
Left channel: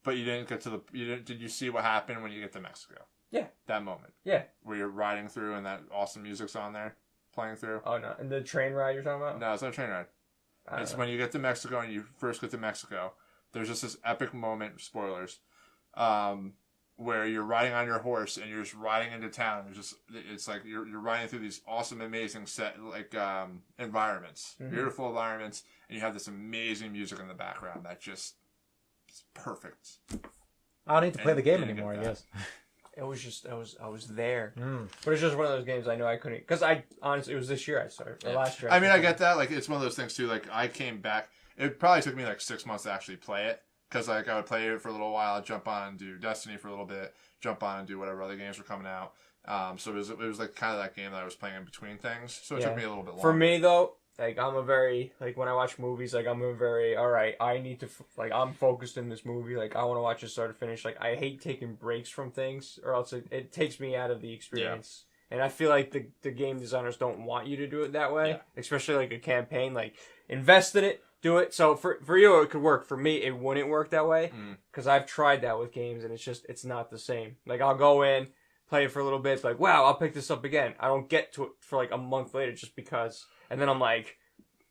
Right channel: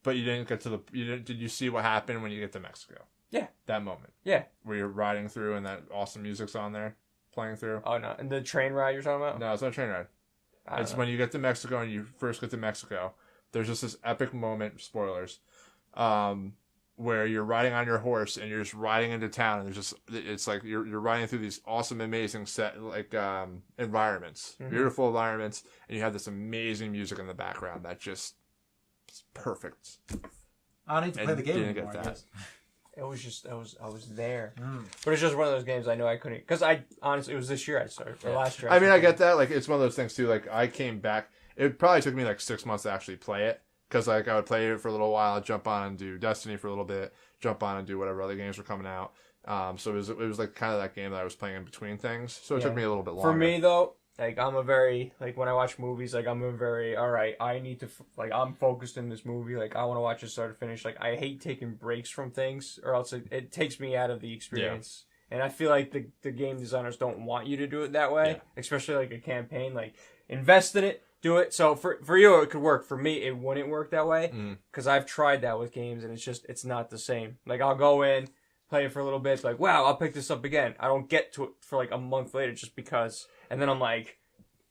But you didn't get to did you see what happened when you get to Mexico? Yeah. That moment. Yeah. Where you're riding through and that awesome music's on there, playing through. Oh, no. And the train ride you're talking about? No, it's not a train ride. It's when you get to Mexico and you first get to Mexico. There's just this epic moment, spoilers, where you're riding on your horse and you're just riding into town and it's like you're riding through these awesome, amazing environments, beautiful environments, and you have this amazing music in the background that just is perfect. I don't need to play the game didn't anymore, get I that. guess. It was just I was there, Mm. but it's just one of those games I know I couldn't because I honestly it was this year I started or last year. I mean, I started. get that. Like, it's one of those things too. Like, I came back. It probably took me like 6 months to actually play it because like I would play it for a little while, jump on and do Destiny for a little bit, jump on and do whatever other games were coming out. So it was like kind of that game that I was playing in between things. So it took me a little bit longer. For me though, like I'm a very like when I watch movies, like I'm a very all right. I need to like I'm focused in this movie. Like I want to watch it start to finish. Like I hate taking breaks from things, or else it takes me out of the experience. And I feel like the game designers don't want you to do it that way, especially like a campaign. Like invest in it, do it. So for you it could work. For me it wouldn't work that way because I've tried that with games and it's not the same. Like I'll go in, play it for a little bit, like wow I'll pick this up again. I don't get to it for like a month later just because. And then I'm like,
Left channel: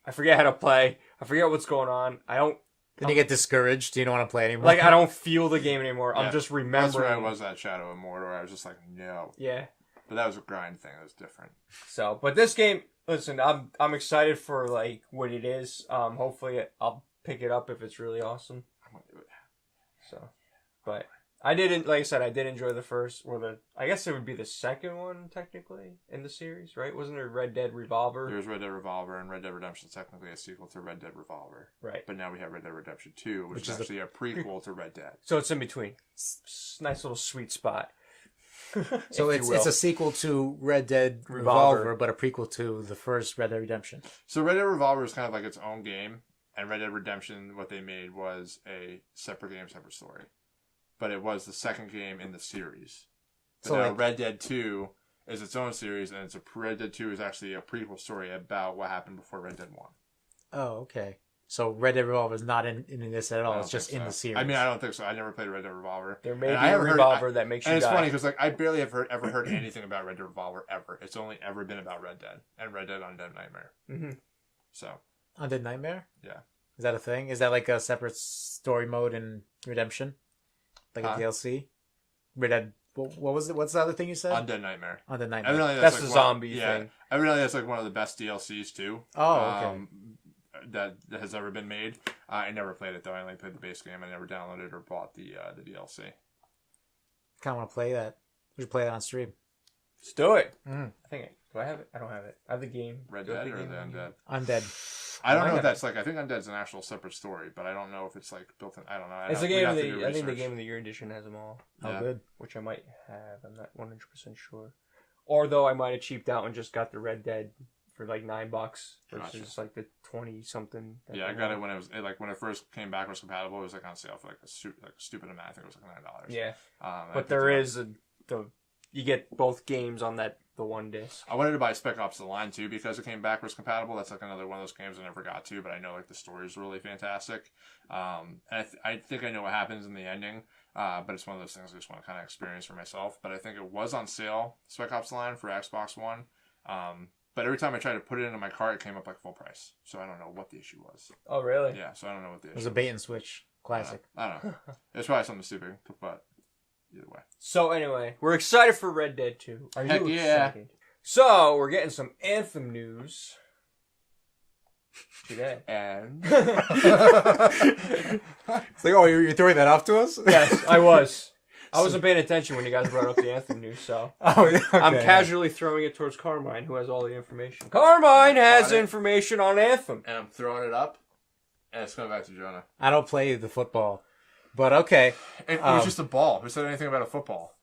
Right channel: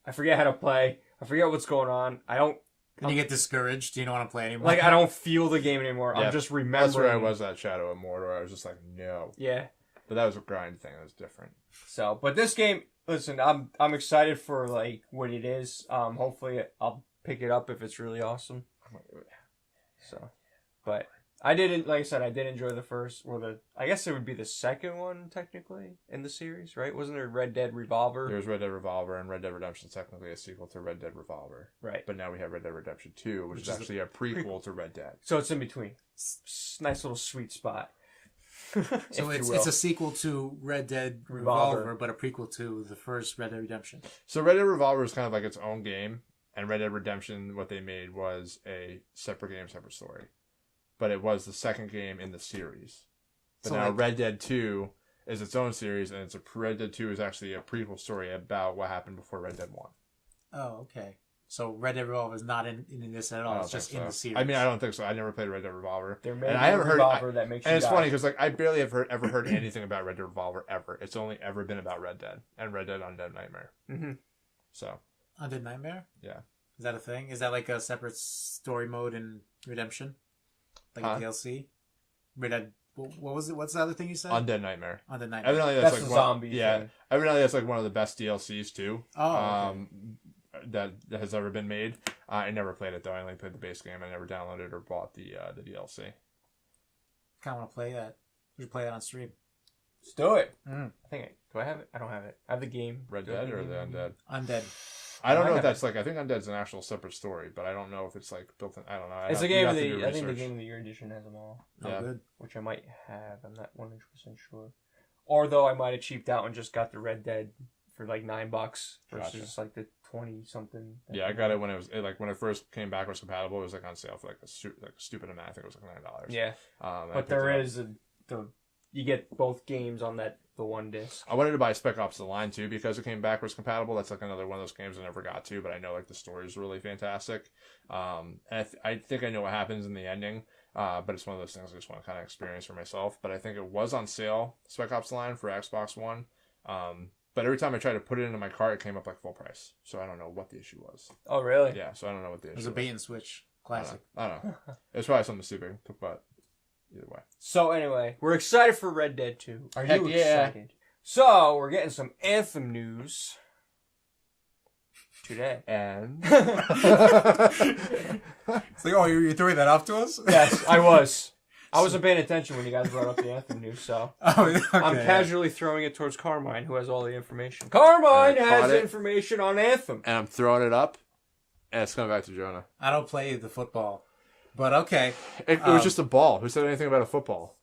I forget how to play. I forget what's going on. Then you get discouraged. You don't want to play anymore. Like, I don't feel the game anymore. I'm just remembering. That's where I was at Shadow of Mordor, where I was just like, no. Yeah. But that was a grind thing. That was different. So, but this game, listen, I'm excited for, like, what it is. Hopefully I'll pick it up if it's really awesome. So, but I didn't, like I said, I did enjoy the first, I guess it would be the second one, technically, in the series, right? Wasn't there Red Dead Revolver? There was Red Dead Revolver, and Red Dead Redemption is technically a sequel to Red Dead Revolver. Right. But now we have Red Dead Redemption 2, which is actually a prequel to Red Dead. So it's in between. Nice little sweet spot. So it's a sequel to Red Dead Revolver, but a prequel to the first Red Dead Redemption. So Red Dead Revolver is kind of like its own game, and Red Dead Redemption, what they made was a separate game, separate story. But it was the second game in the series. But So now like, Red Dead 2 is its own series, and Red Dead 2 is actually a prequel story about what happened before Red Dead 1. oh, okay. So Red Dead Revolver is not in this at all. It's just in the series. I mean, I don't think so. I never played Red Dead Revolver. There may be a Revolver that makes you die. And it's funny because like I barely have ever heard anything about Red Dead Revolver ever. It's only ever been about Red Dead and Red Dead Undead Nightmare. Mm-hmm. So Undead Nightmare? Yeah. Is that a thing? Is that like a separate story mode in Redemption? Like a DLC? Red Dead. What was it? What's the other thing you said? Undead Nightmare. Undead Nightmare. Evidently That's like the zombie thing. Yeah. Evidently that's like one of the best DLCs too. Oh, okay. That has ever been made. I never played it though. I only played the base game. I never downloaded or bought the DLC. Kind of want to play that. We should play that on stream. Let's do it. Mm. Do I have it? I don't have it. I have the game. Red Do I have Dead or game? the Undead? Undead. I don't know have if that's like. I think Undead's an actual separate story, but I don't know if it's like built in. I don't know. It's a game of the. I think the Game of the Year edition has them all. Yeah. Oh, good. Which I might have. I'm not 100% sure. Or though I might have cheaped out and just got the Red Dead for like $9 versus like the 20 something. Yeah, I got it when it was like when it first came back. It was compatible. It was like on sale for like a stupid amount. I think it was like $9. Yeah, I but there is you get both games on the one disc. I wanted to buy Spec Ops: The Line too because it came backwards compatible. That's like another one of those games I never got to, but I know like the story is really fantastic. And I think I know what happens in the ending. But it's one of those things I just want to kind of experience for myself. But I think it was on sale, Spec Ops: The Line for Xbox One. But every time I tried to put it into my cart, it came up like full price. So I don't know what the issue was. Oh really? Yeah, so I don't know what the issue It was a bait and switch. Classic. I don't know. It's probably something stupid, but either way. So anyway, we're excited for Red Dead 2. Are Heck you yeah. excited? So we're getting some Anthem news today. And It's like, oh, you're throwing that off to us? Yes, I was. I wasn't paying attention when you guys brought up the Anthem news, so Oh, okay. I'm casually throwing it towards Carmine, who has all the information. Carmine has information on Anthem. I'm throwing it up, and it's coming back to Jonah. I don't play the football, but okay. It was just a ball. Who said anything about a football?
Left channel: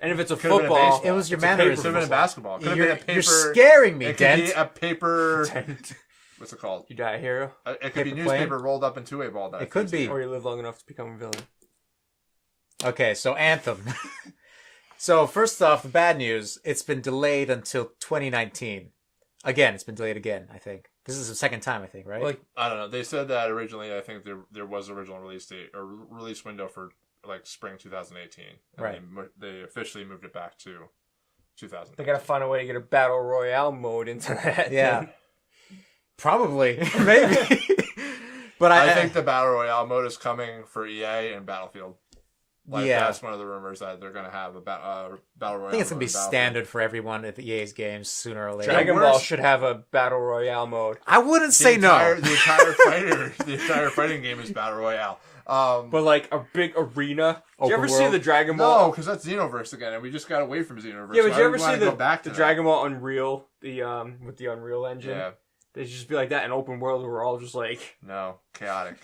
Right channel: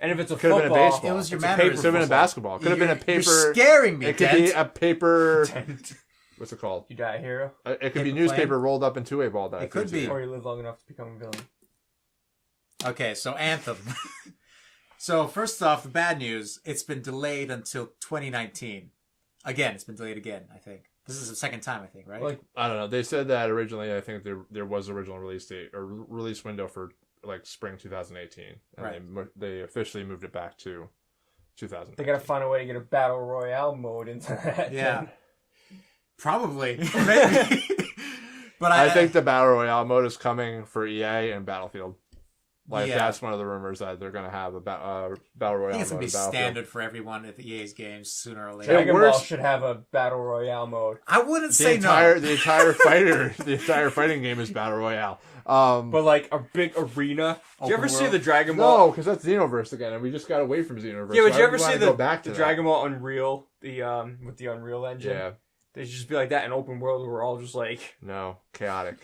And if it's a Could've been a football, baseball. It was your It's a mannerism. paper. Could have been a football. basketball. Could have been a paper. You're scaring me, It could be Dent. a paper. What's it called? you die a hero, It could Paper be newspaper plane? rolled up into a ball. That It could be. or you live long enough to become a villain. Okay, so Anthem. So first off, the bad news, it's been delayed until 2019. Again, it's been delayed again, I think. This is the second time, I think, right? Like, I don't know. They said that originally. I think there was an original release date or release window for like spring 2018, and Right. they officially moved it back to 2000. they gotta find a way to get a battle royale mode into that. yeah. Probably. Maybe. But I think the battle royale mode is coming for EA and Battlefield. Like Yeah. that's one of the rumors that they're gonna have a battle royale. I think it's gonna mode be in Battlefield. standard for everyone at the EA's games sooner or later. Dragon Ball where's- should have a battle royale mode. I wouldn't The say entire, no. The entire fighting game is battle royale. But like a big arena. Did you ever Open see world? the Dragon Ball? No, because that's Xenoverse again, and we just got away from Xenoverse. Yeah, but Why you would ever we see wanna go back to the that? Dragon Ball Unreal, with the Unreal Engine? Yeah, They should just be like that in open world where we're all just like no, chaotic,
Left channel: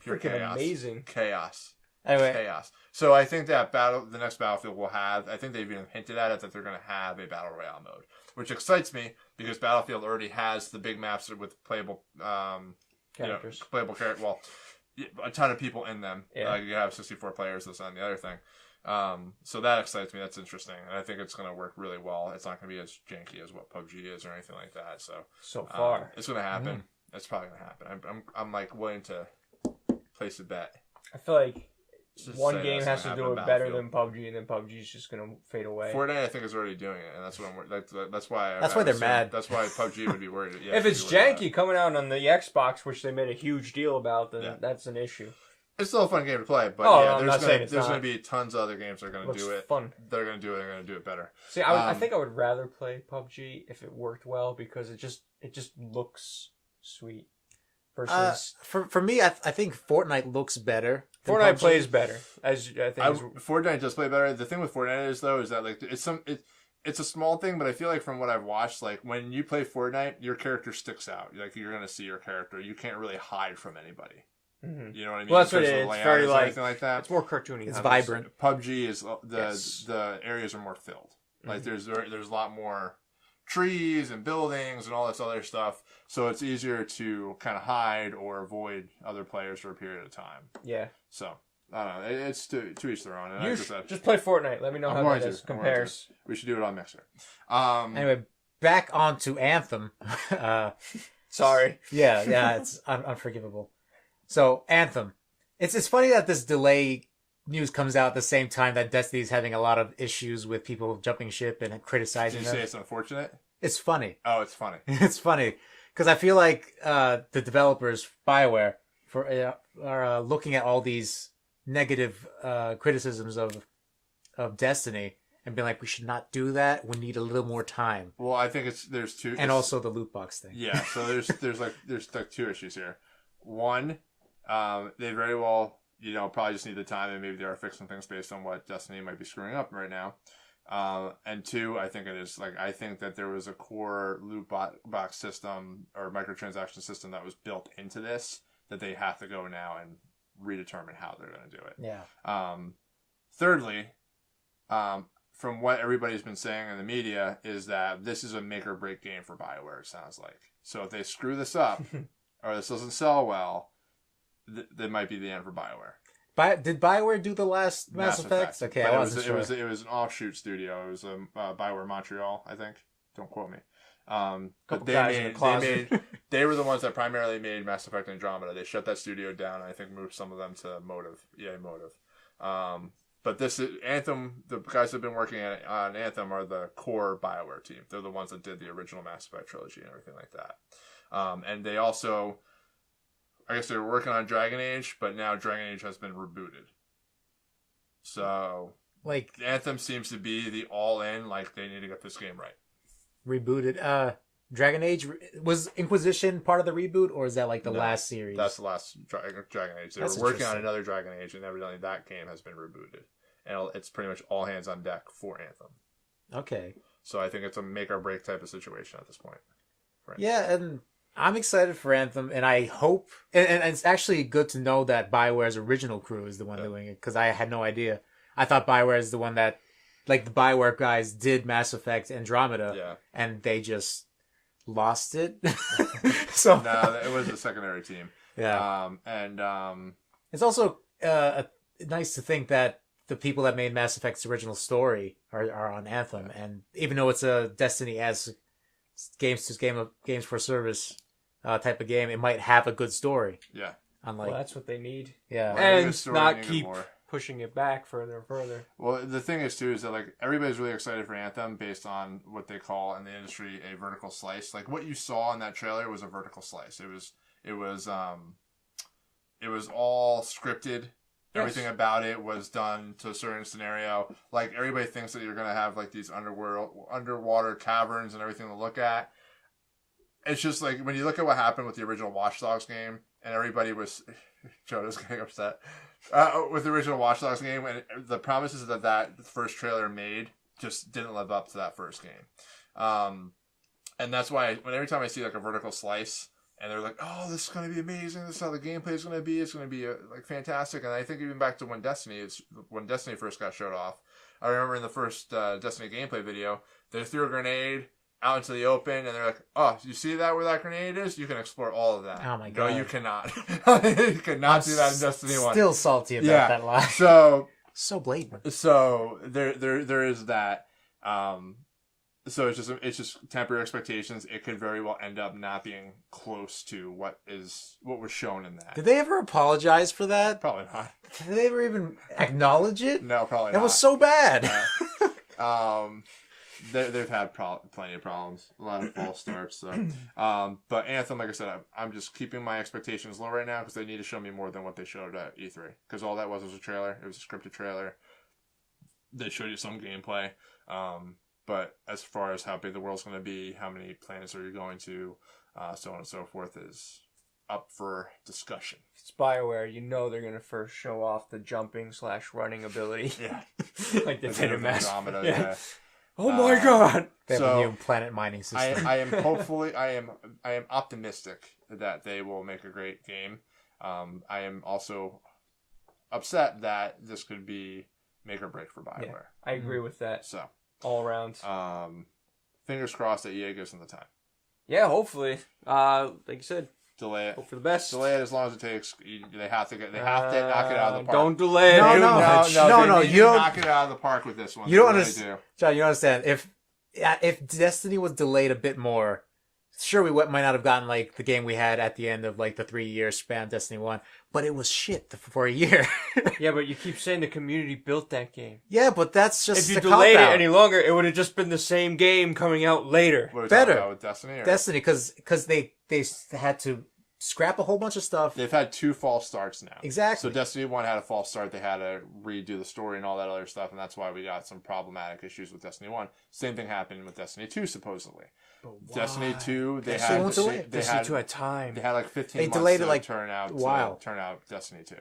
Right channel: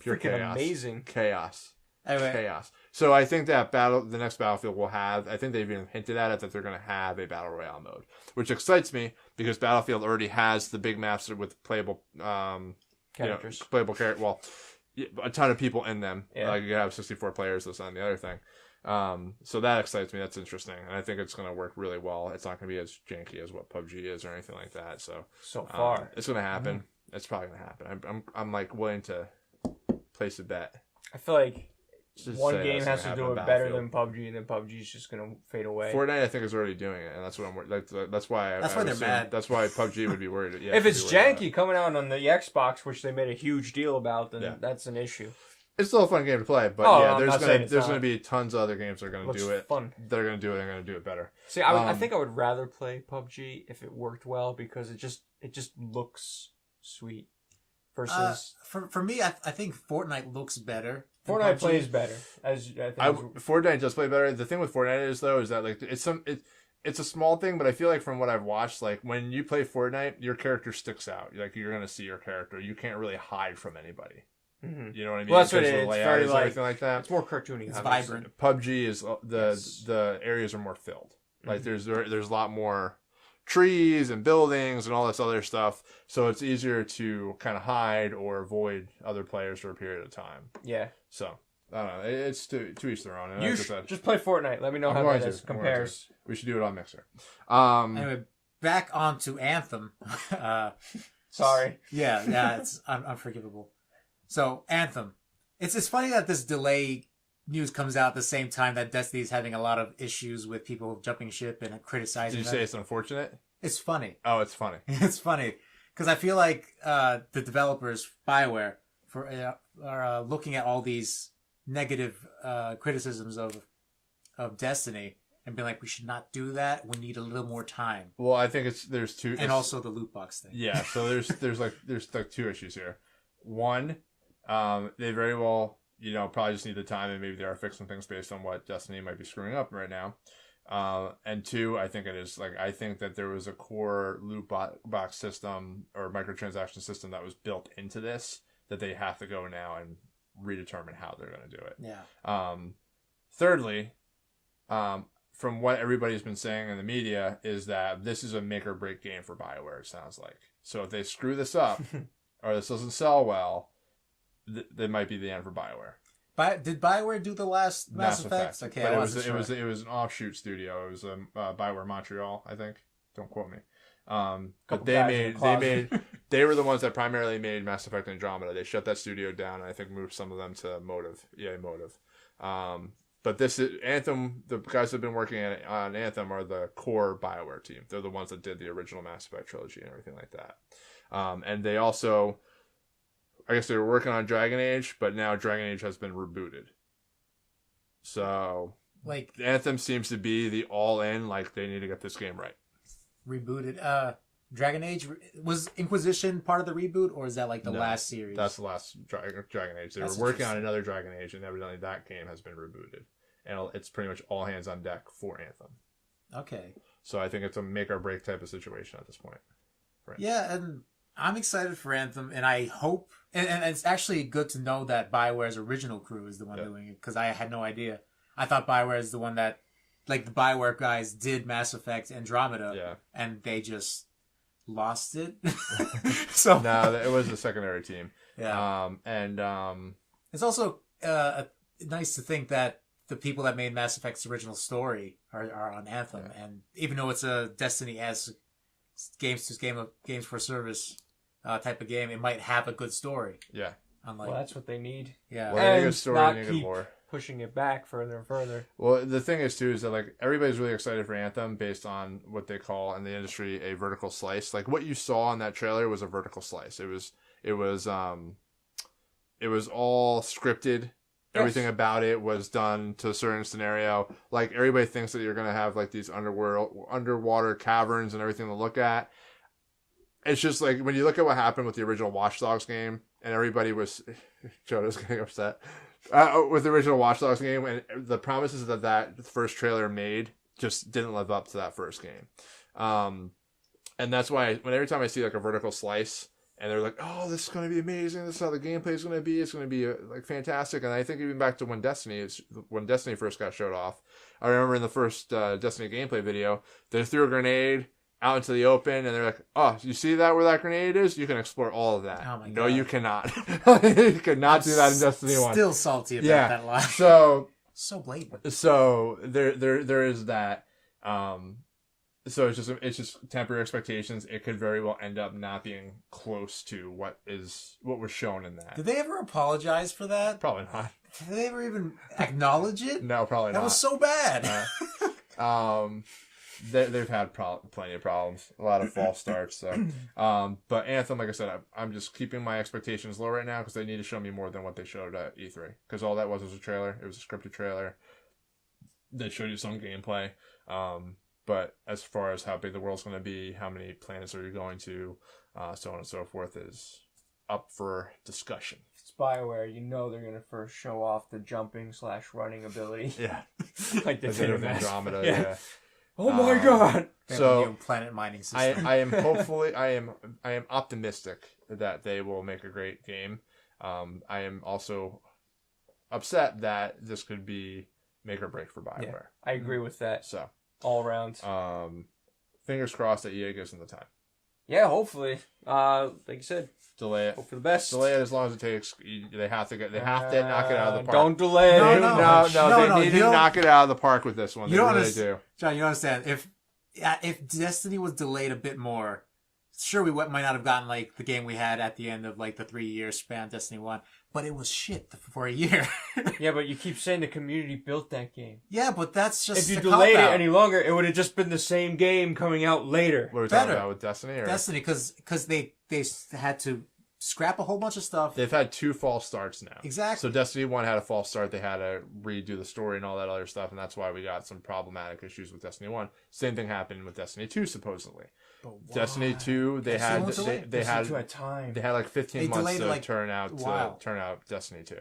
pure freaking chaos. amazing. Chaos. Anyway, Chaos. So I think that the next Battlefield will have, I think they've even hinted at it, that they're going to have a Battle Royale mode, which excites me because Battlefield already has the big maps with playable, Characters. playable character. Well, a ton of people in them. Yeah. Like you have 64 players, that's on the other thing. So that excites me. That's interesting. And I think it's going to work really well. It's not going to be as janky as what PUBG is or anything like that. So Far. it's going to happen. It's probably going to happen. I'm like willing to place a bet. I feel like Just one say game that's has gonna to happen do in it better Battlefield. than PUBG, and then PUBG is just gonna fade away. Fortnite, I think, is already doing it, and that's what that's why. That's why they're assuming- mad. That's why PUBG would be worried. Yeah, If it's should be worried about janky coming out on the Xbox, which they made a huge deal about, then Yeah. that's an issue. it. It's still a fun game to play, but Oh, yeah, I'm there's not saying gonna, it's there's not. going to be tons of other games that are going to Looks do it. fun. They're going to do it. They're going to do it better. See, I Um, think I would rather play PUBG if it worked well because it just looks sweet. Versus for me, I think Fortnite looks better. than Fortnite PUBG. plays better, as I think. Fortnite does play better. The thing with Fortnite is though is that like it's a small thing, but I feel like from what I've watched, like when you play Fortnite, your character sticks out. Like you're going to see your character. You can't really hide from anybody. Mhm. You know what I mean? Well, that's In what terms it of the is. It's layout very and like everything like that. it's more cartoony. It's obviously. vibrant. PUBG is Yes. the areas are more filled. Like Mhm. there's a lot more trees and buildings and all this other stuff, so it's easier to kind of hide or avoid other players for a period of time. Yeah, So I don't know. It's to each their own. And you like I said, just play Fortnite. Let me know I'm how going that to. is I'm going compares. we should do it on Mixer. Anyway, back onto Anthem. Sorry. Yeah, it's unforgivable. So Anthem, it's funny that this delay news comes out at the same time that Destiny's having a lot of issues with people jumping ship and Did criticizing you them. say it's unfortunate? It's funny. Oh, it's funny. It's funny because I feel like the developers, BioWare, are looking at all these negative criticisms of Destiny and being like, we should not do that. We need a little more time, Well, I think there's two, and also the loot box thing. yeah. So there's like two issues here. One, they very well, probably just need the time, and maybe they are fixing things based on what Destiny might be screwing up right now. And two, I think I think that there was a core loot box system or microtransaction system that was built into this that they have to go now and redetermine how they're going to do it. Yeah. Thirdly, from what everybody's been saying in the media is that this is a make or break game for BioWare, it sounds like. So if they screw this up or this doesn't sell well, they might be the end for BioWare. Did BioWare do the last Mass Effect? Okay, But I wasn't sure. it was an offshoot studio. It was BioWare Montreal, I think. Don't quote me. But Couple guys in the closet. they were the ones that primarily made Mass Effect Andromeda. They shut that studio down and I think moved some of them to EA Motive. But this is Anthem. The guys that have been working on Anthem are the core BioWare team. They're the ones that did the original Mass Effect trilogy and everything like that. And they also, I guess they were working on Dragon Age, but now Dragon Age has been rebooted. So Like Anthem seems to be the all-in. Like they need to get this game right. rebooted. Dragon Age was Inquisition part of the reboot, or is that like the No, last series? That's the last Dragon Age. They That's were working on interesting. another Dragon Age, and evidently that game has been rebooted, and it's pretty much all hands on deck for Anthem. Okay. So I think it's a make or break type of situation at this point. Right. Yeah, and I'm excited for Anthem, and I hope, and it's actually good to know that BioWare's original crew is the one doing it, because I had no idea. I thought BioWare is the one that, like the BioWare guys did Mass Effect Andromeda, Yeah. and they just lost it. So No, it was a secondary team. yeah, And it's also nice to think that the people that made Mass Effect's original story are on Anthem, and even though it's a Destiny-esque games for service type of game, it might have a good story. yeah. Unlike Well, that's what they need. yeah, Well, they need a And story not needed keep more. pushing it back further and further. Well, the thing is too is that like everybody's really excited for Anthem based on what they call in the industry a vertical slice. Like what you saw in that trailer was a vertical slice. It was all scripted Everything about it was done to a certain scenario. Like, everybody thinks that you're going to have, like, these underwater caverns and everything to look at. It's just, like, when you look at what happened with the original Watch Dogs game, and everybody was... Jonah's getting upset. With the original Watch Dogs game, and the promises that first trailer made just didn't live up to that first game. And that's why, every time I see, like, a vertical slice... And they're like, oh, this is going to be amazing. This is how the gameplay is going to be. It's going to be like fantastic. And I think even back to when Destiny first got showed off, I remember in the first Destiny gameplay video, they threw a grenade out into the open, and they're like, oh, you see that where that grenade is? You can explore all of that. Oh my god! No, you cannot. You cannot do that in Destiny 1. Still salty about that line. So blatant. So there is that. So it's just temporary expectations. It could very well end up not being close to what was shown in that. Did they ever apologize for that? Probably not. Did they ever even acknowledge it? No, probably not. That was so bad. They've had plenty of problems, a lot of false starts. So, but Anthem, like I said, I'm just keeping my expectations low right now because they need to show me more than what they showed at E3. Because all that was a trailer. It was a scripted trailer. They showed you some gameplay. But as far as how big the world's going to be, how many planets are you going to, so on and so forth, is up for discussion. It's BioWare. You know they're going to first show off the jumping/running ability. Yeah. Like they did in Mass. Yeah. Oh my god! They have a new planet mining system. I am optimistic that they will make a great game. I am also upset that this could be make or break for BioWare. Yeah, I agree with that. So. All around. Fingers crossed that EA gives them the time. Yeah, hopefully. Like you said, delay it. hope for the best. Delay it as long as it takes. They have to knock it out of the park. Don't delay it. No. They need to knock it out of the park with this one. You don't understand, John. You don't understand. If Destiny was delayed a bit more, sure we might not have gotten like the game we had at the end of like the 3-year span of Destiny 1, but it was shit for a year. Yeah, but you keep saying the community built that game. Yeah, but that's just if you delayed it any longer, it would have just been the same game coming out later. What are we talking about with Destiny? Destiny, because they had to scrap a whole bunch of stuff. They've had 2 false starts now. Exactly. So Destiny 1 had a false start. They had to redo the story and all that other stuff, and that's why we got some problematic issues with Destiny 1. Same thing happened with Destiny 2, supposedly. Destiny 2, they had time. They had like 15 months to turn out Destiny 2.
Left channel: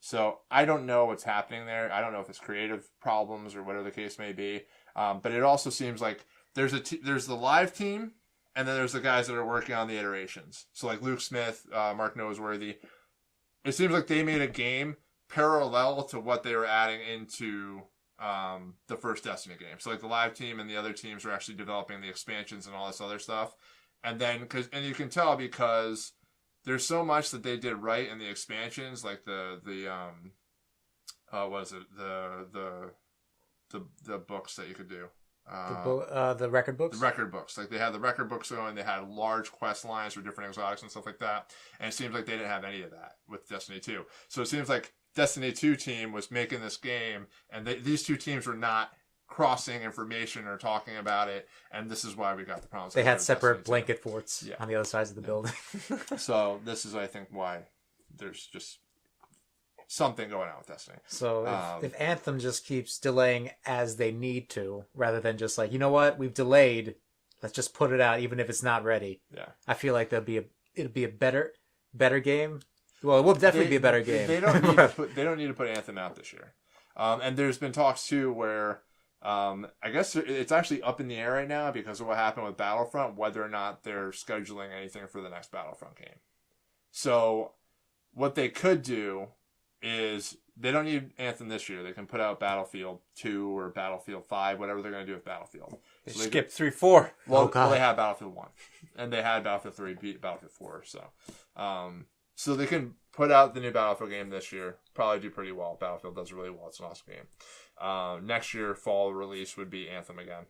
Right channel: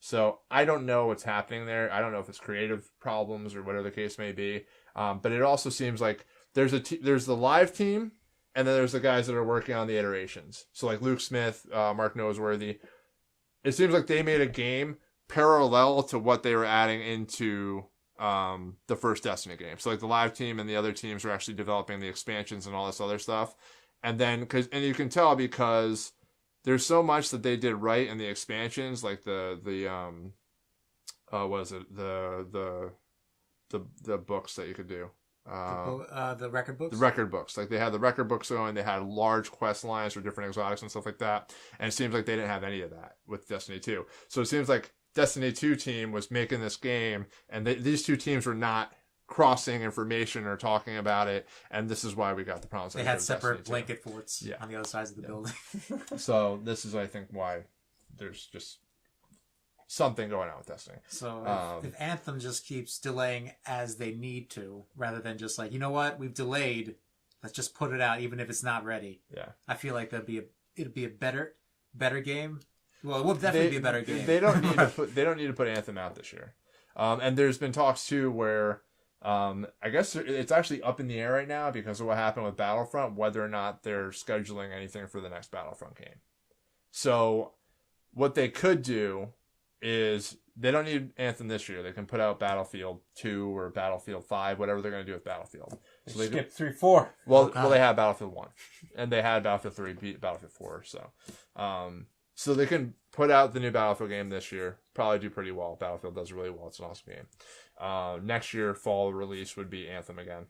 So I don't know what's happening there. I don't know if it's creative problems or whatever the case may be. But it also seems like there's the live team, and then there's the guys that are working on the iterations. So like Luke Smith, Mark Noseworthy. It seems like they made a game parallel to what they were adding into the first Destiny game. So like the live team and the other teams are actually developing the expansions and all this other stuff. And then and you can tell because there's so much that they did right in the expansions, like the books that you could do. The record books? The record books. Like they had the record books going, they had large quest lines for different exotics and stuff like that. And it seems like they didn't have any of that with Destiny 2. So it seems like Destiny 2 team was making this game, and these 2 teams were not crossing information or talking about it, and this is why we got the problems. They had separate blanket forts on the other sides of the building. So this is, I think, why there's just something going on with Destiny. So if Anthem just keeps delaying as they need to, rather than just like, you know what, we've delayed, let's just put it out even if it's not ready. Yeah, I feel like it'll be a better game. Well, it will definitely be a better game. They don't need to put Anthem out this year. And there's been talks too where I guess it's actually up in the air right now because of what happened with Battlefront, whether or not they're scheduling anything for the next Battlefront game. So what they could do is they don't need Anthem this year. They can put out Battlefield 2 or Battlefield 5, whatever they're going to do with Battlefield. So they skip 3, 4. Well, they had Battlefield 1, and they had Battlefield 3 beat Battlefield 4. So they can put out the new Battlefield game this year. Probably do pretty well. Battlefield does really well. It's an awesome game. Next year, fall release would be Anthem again.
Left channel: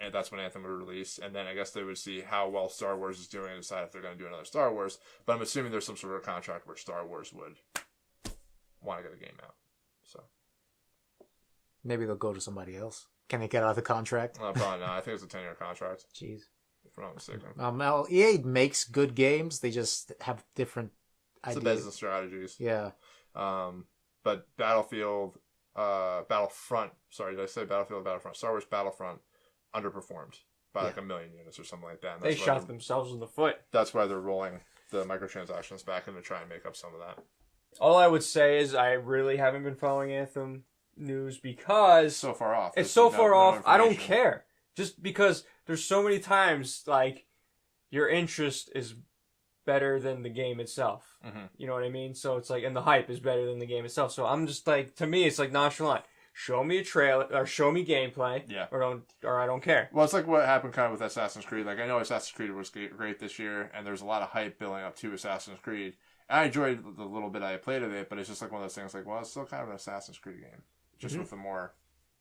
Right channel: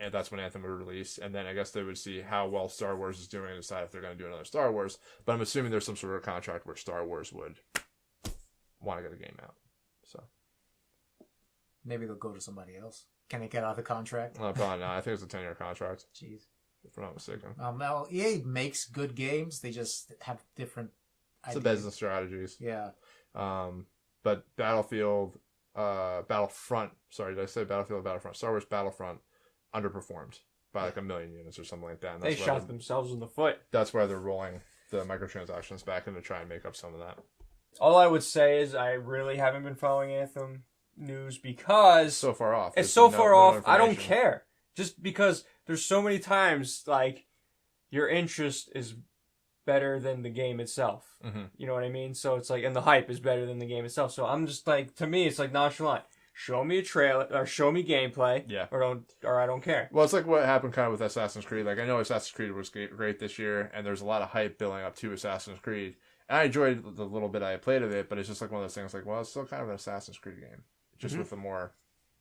And that's when Anthem would release. And then I guess they would see how well Star Wars is doing and decide if they're going to do another Star Wars. But I'm assuming there's some sort of contract where Star Wars would want to get a game out. So maybe they'll go to somebody else. Can they get out of the contract? Probably not. I think it's a 10-year contract. Jeez. If I'm not mistaken. Well, EA makes good games. They just have different ideas. It's the business strategies. Yeah. But but Battlefront. Sorry, did I say Battlefield? Battlefront. Star Wars Battlefront underperformed by like 1 million units or something like that. And They shot themselves in the foot. That's why they're rolling the microtransactions back in to try and make up some of that. All I would say is I really haven't been following Anthem news because So far off. it's so There's far no off. I don't information. care. Just because there's so many times like your interest is better than the game itself. Mm-hmm. You know what I mean? So it's like, and the hype is better than the game itself. So I'm just like, to me, it's like nonchalant. Show me a trailer or show me gameplay, Yeah. or I don't care. Well, it's like what happened kind of with Assassin's Creed. Like, I know Assassin's Creed was great this year, and there's a lot of hype building up to Assassin's Creed. And I enjoyed the little bit I played of it, but it's just like one of those things like, well, it's still kind of an Assassin's Creed game. Just with a more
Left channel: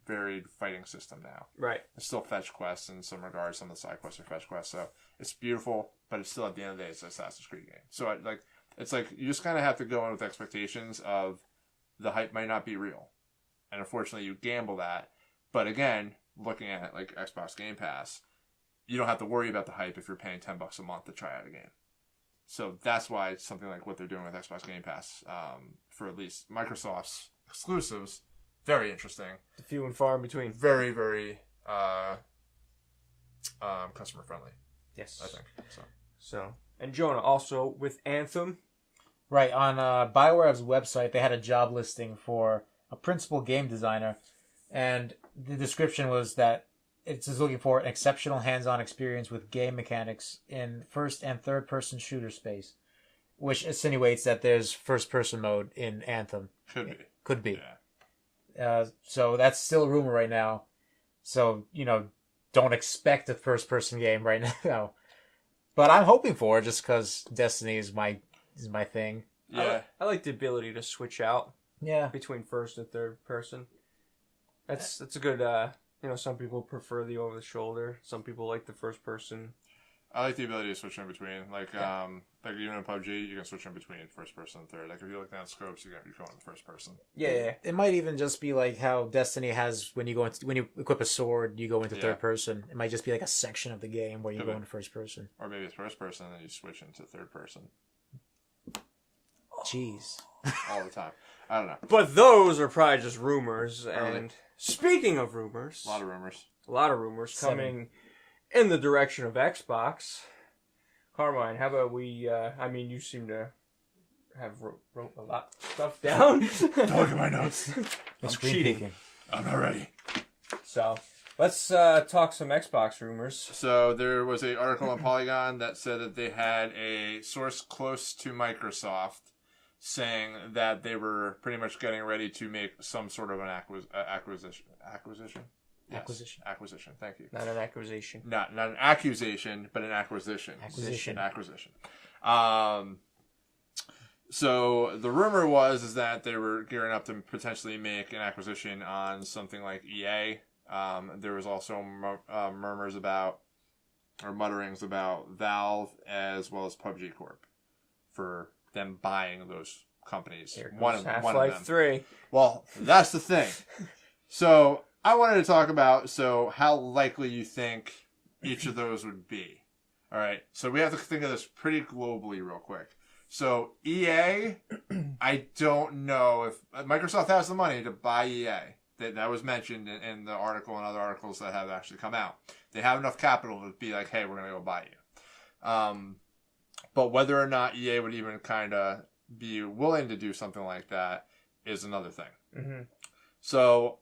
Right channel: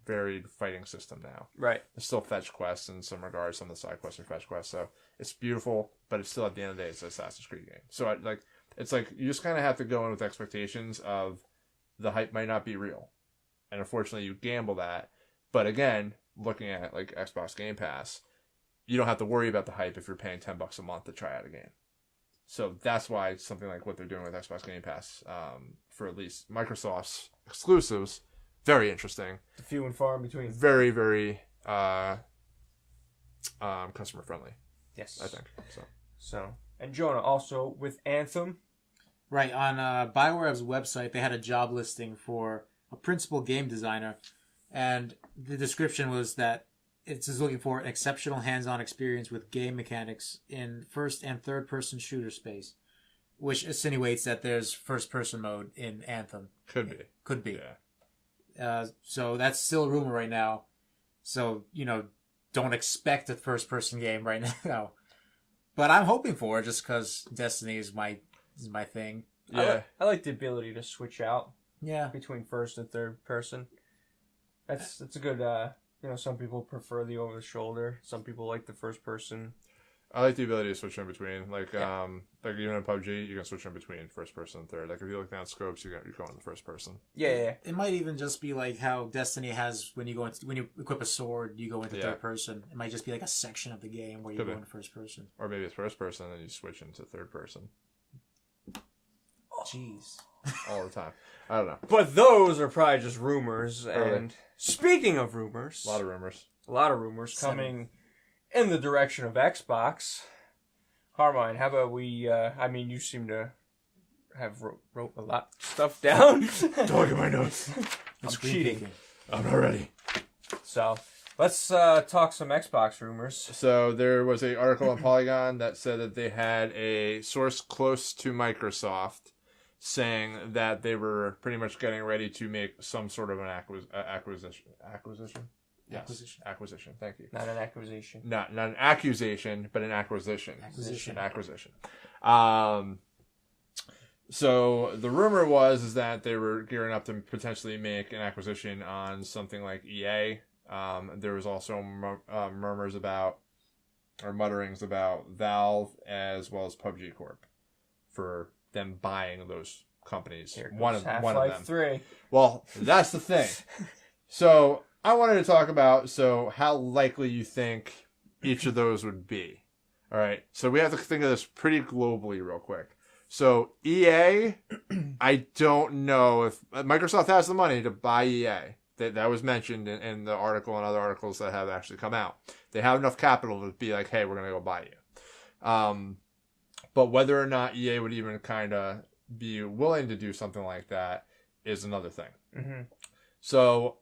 varied fighting system now. Right. It's still fetch quests in some regards. Some of the side quests are fetch quests. So it's beautiful, but it's still, at the end of the day, it's an Assassin's Creed game. So it's like you just kind of have to go in with expectations of the hype might not be real. And unfortunately, you gamble that. But again, looking at like Xbox Game Pass, you don't have to worry about the hype if you're paying $10 a month to try out a game. So that's why something like what they're doing with Xbox Game Pass, for at least Microsoft's exclusives, very interesting. The few and far in between. Very, very customer friendly. Yes. I think so. And Jonah, also with Anthem. Right, on BioWare's website, they had a job listing for a principal game designer, and the description was that it's just looking for an exceptional hands-on experience with game mechanics in first and third-person shooter space, which insinuates that there's first-person mode in Anthem. Could be. Yeah. So that's still a rumor right now. So, don't expect a first-person game right now. But I'm hoping for it just because Destiny is my thing. Yeah. I like the ability to switch out Yeah. between first and third person. That's a good. Some people prefer the over the shoulder. Some people like the first person. I like the ability to switch in between. Like even in PUBG, you can switch in between first person and third. Like if you look down scopes, you're going to first person. Yeah. It might even just be like how Destiny has when you equip a sword, you go into third person. It might just be like a section of the game where you go into first person. Or maybe it's first person and you switch into third person. Jeez. All the time. I don't know. But those are probably just rumors. Probably. And speaking of rumors, A lot of rumors. coming in the direction of Xbox. Carmine, how about we? You seem to have wrote a lot of stuff down. Don't look at my notes. I'm cheating. I'm not ready. So let's talk some Xbox rumors. So there was an article on Polygon that said that they had a source close to Microsoft saying that they were pretty much getting ready to make some sort of an acquisition. Yes. Acquisition. Thank you. Not an acquisition. Not an accusation, but an acquisition. Acquisition. So the rumor was that they were gearing up to potentially make an acquisition on something like EA. There was also murmurs about, or mutterings about Valve as well as PUBG Corp for them buying those companies. Here goes One of Half-Life them. 3. Well, that's the thing. So I wanted to talk about how likely you think each of those would be. All right. So we have to think of this pretty globally real quick. So EA, I don't know if Microsoft has the money to buy EA. That was mentioned in the article and other articles that have actually come out. They have enough capital to be like, hey, we're going to go buy you. But whether or not EA would even kind of be willing to do something like that is another thing. Mm-hmm. So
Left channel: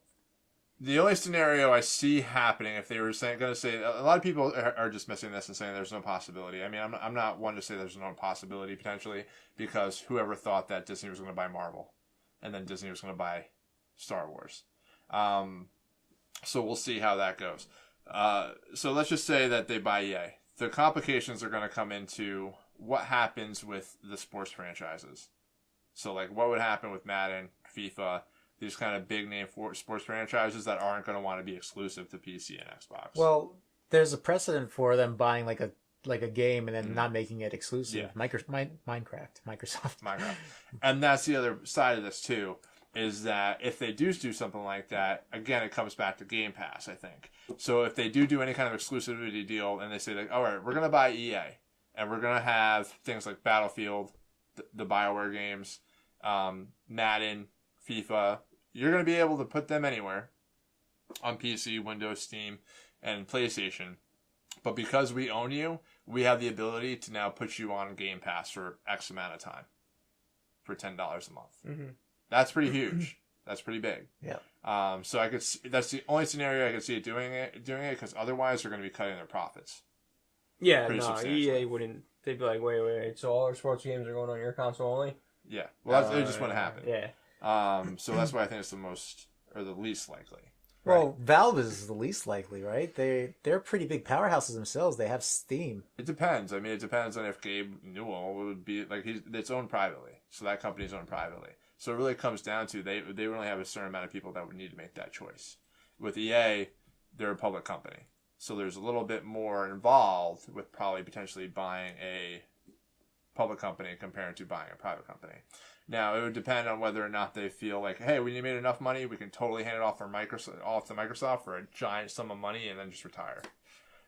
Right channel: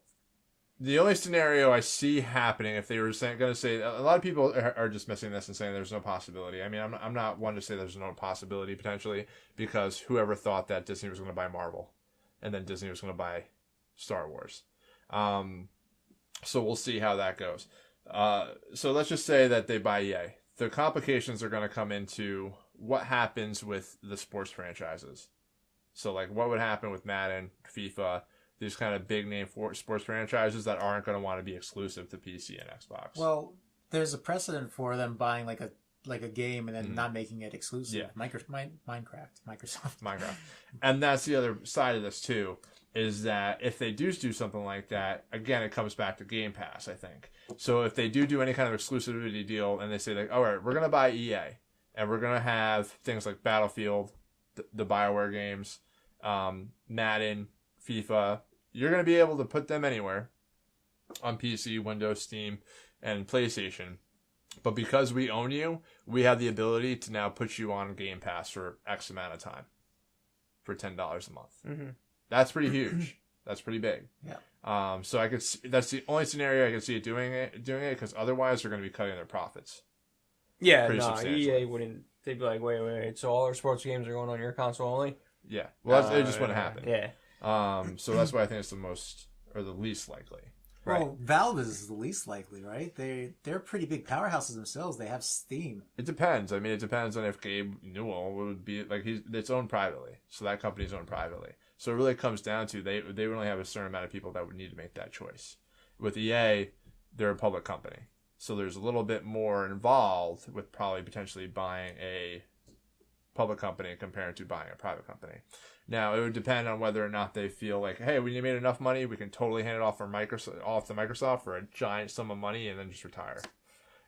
the only scenario I see happening, if they were going to say, a lot of people are dismissing this and saying there's no possibility. I mean, I'm not one to say there's no possibility potentially, because whoever thought that Disney was going to buy Marvel and then Disney was going to buy Star Wars. So we'll see how that goes. So let's just say that they buy EA. The complications are going to come into what happens with the sports franchises. So like what would happen with Madden, FIFA, these kind of big name sports franchises that aren't going to want to be exclusive to PC and Xbox. Well, there's a precedent for them buying like a game and then not making it exclusive. Yeah. Microsoft. And that's the other side of this too, is that if they do something like that, again, it comes back to Game Pass, I think. So if they do any kind of exclusivity deal and they say like, all right, we're going to buy EA and we're going to have things like Battlefield, the BioWare games, Madden, FIFA, you're going to be able to put them anywhere on PC, Windows, Steam, and PlayStation. But because we own you, we have the ability to now put you on Game Pass for X amount of time for $10 a month. Mm-hmm. That's pretty huge. That's pretty big. Yeah. So I could see, that's the only scenario I could see it doing it because otherwise they're going to be cutting their profits. Yeah, Pretty no, substantially. EA wouldn't. They'd be like, wait. So all our sports games are going on your console only? Yeah, well, that's just wouldn't happen. Yeah. So that's why I think it's the most or the least likely. Well, Valve is the least likely, right? They're pretty big powerhouses themselves. They have Steam. It depends. I mean, it depends on if Gabe Newell would be like it's owned privately, so that company's owned privately. So it really comes down to they would only have a certain amount of people that would need to make that choice. With EA, they're a public company, so there's a little bit more involved with probably potentially buying a public company compared to buying a private company. Now, it would depend on whether or not they feel like, hey, we made enough money, we can totally hand it off to Microsoft for a giant sum of money and then just retire.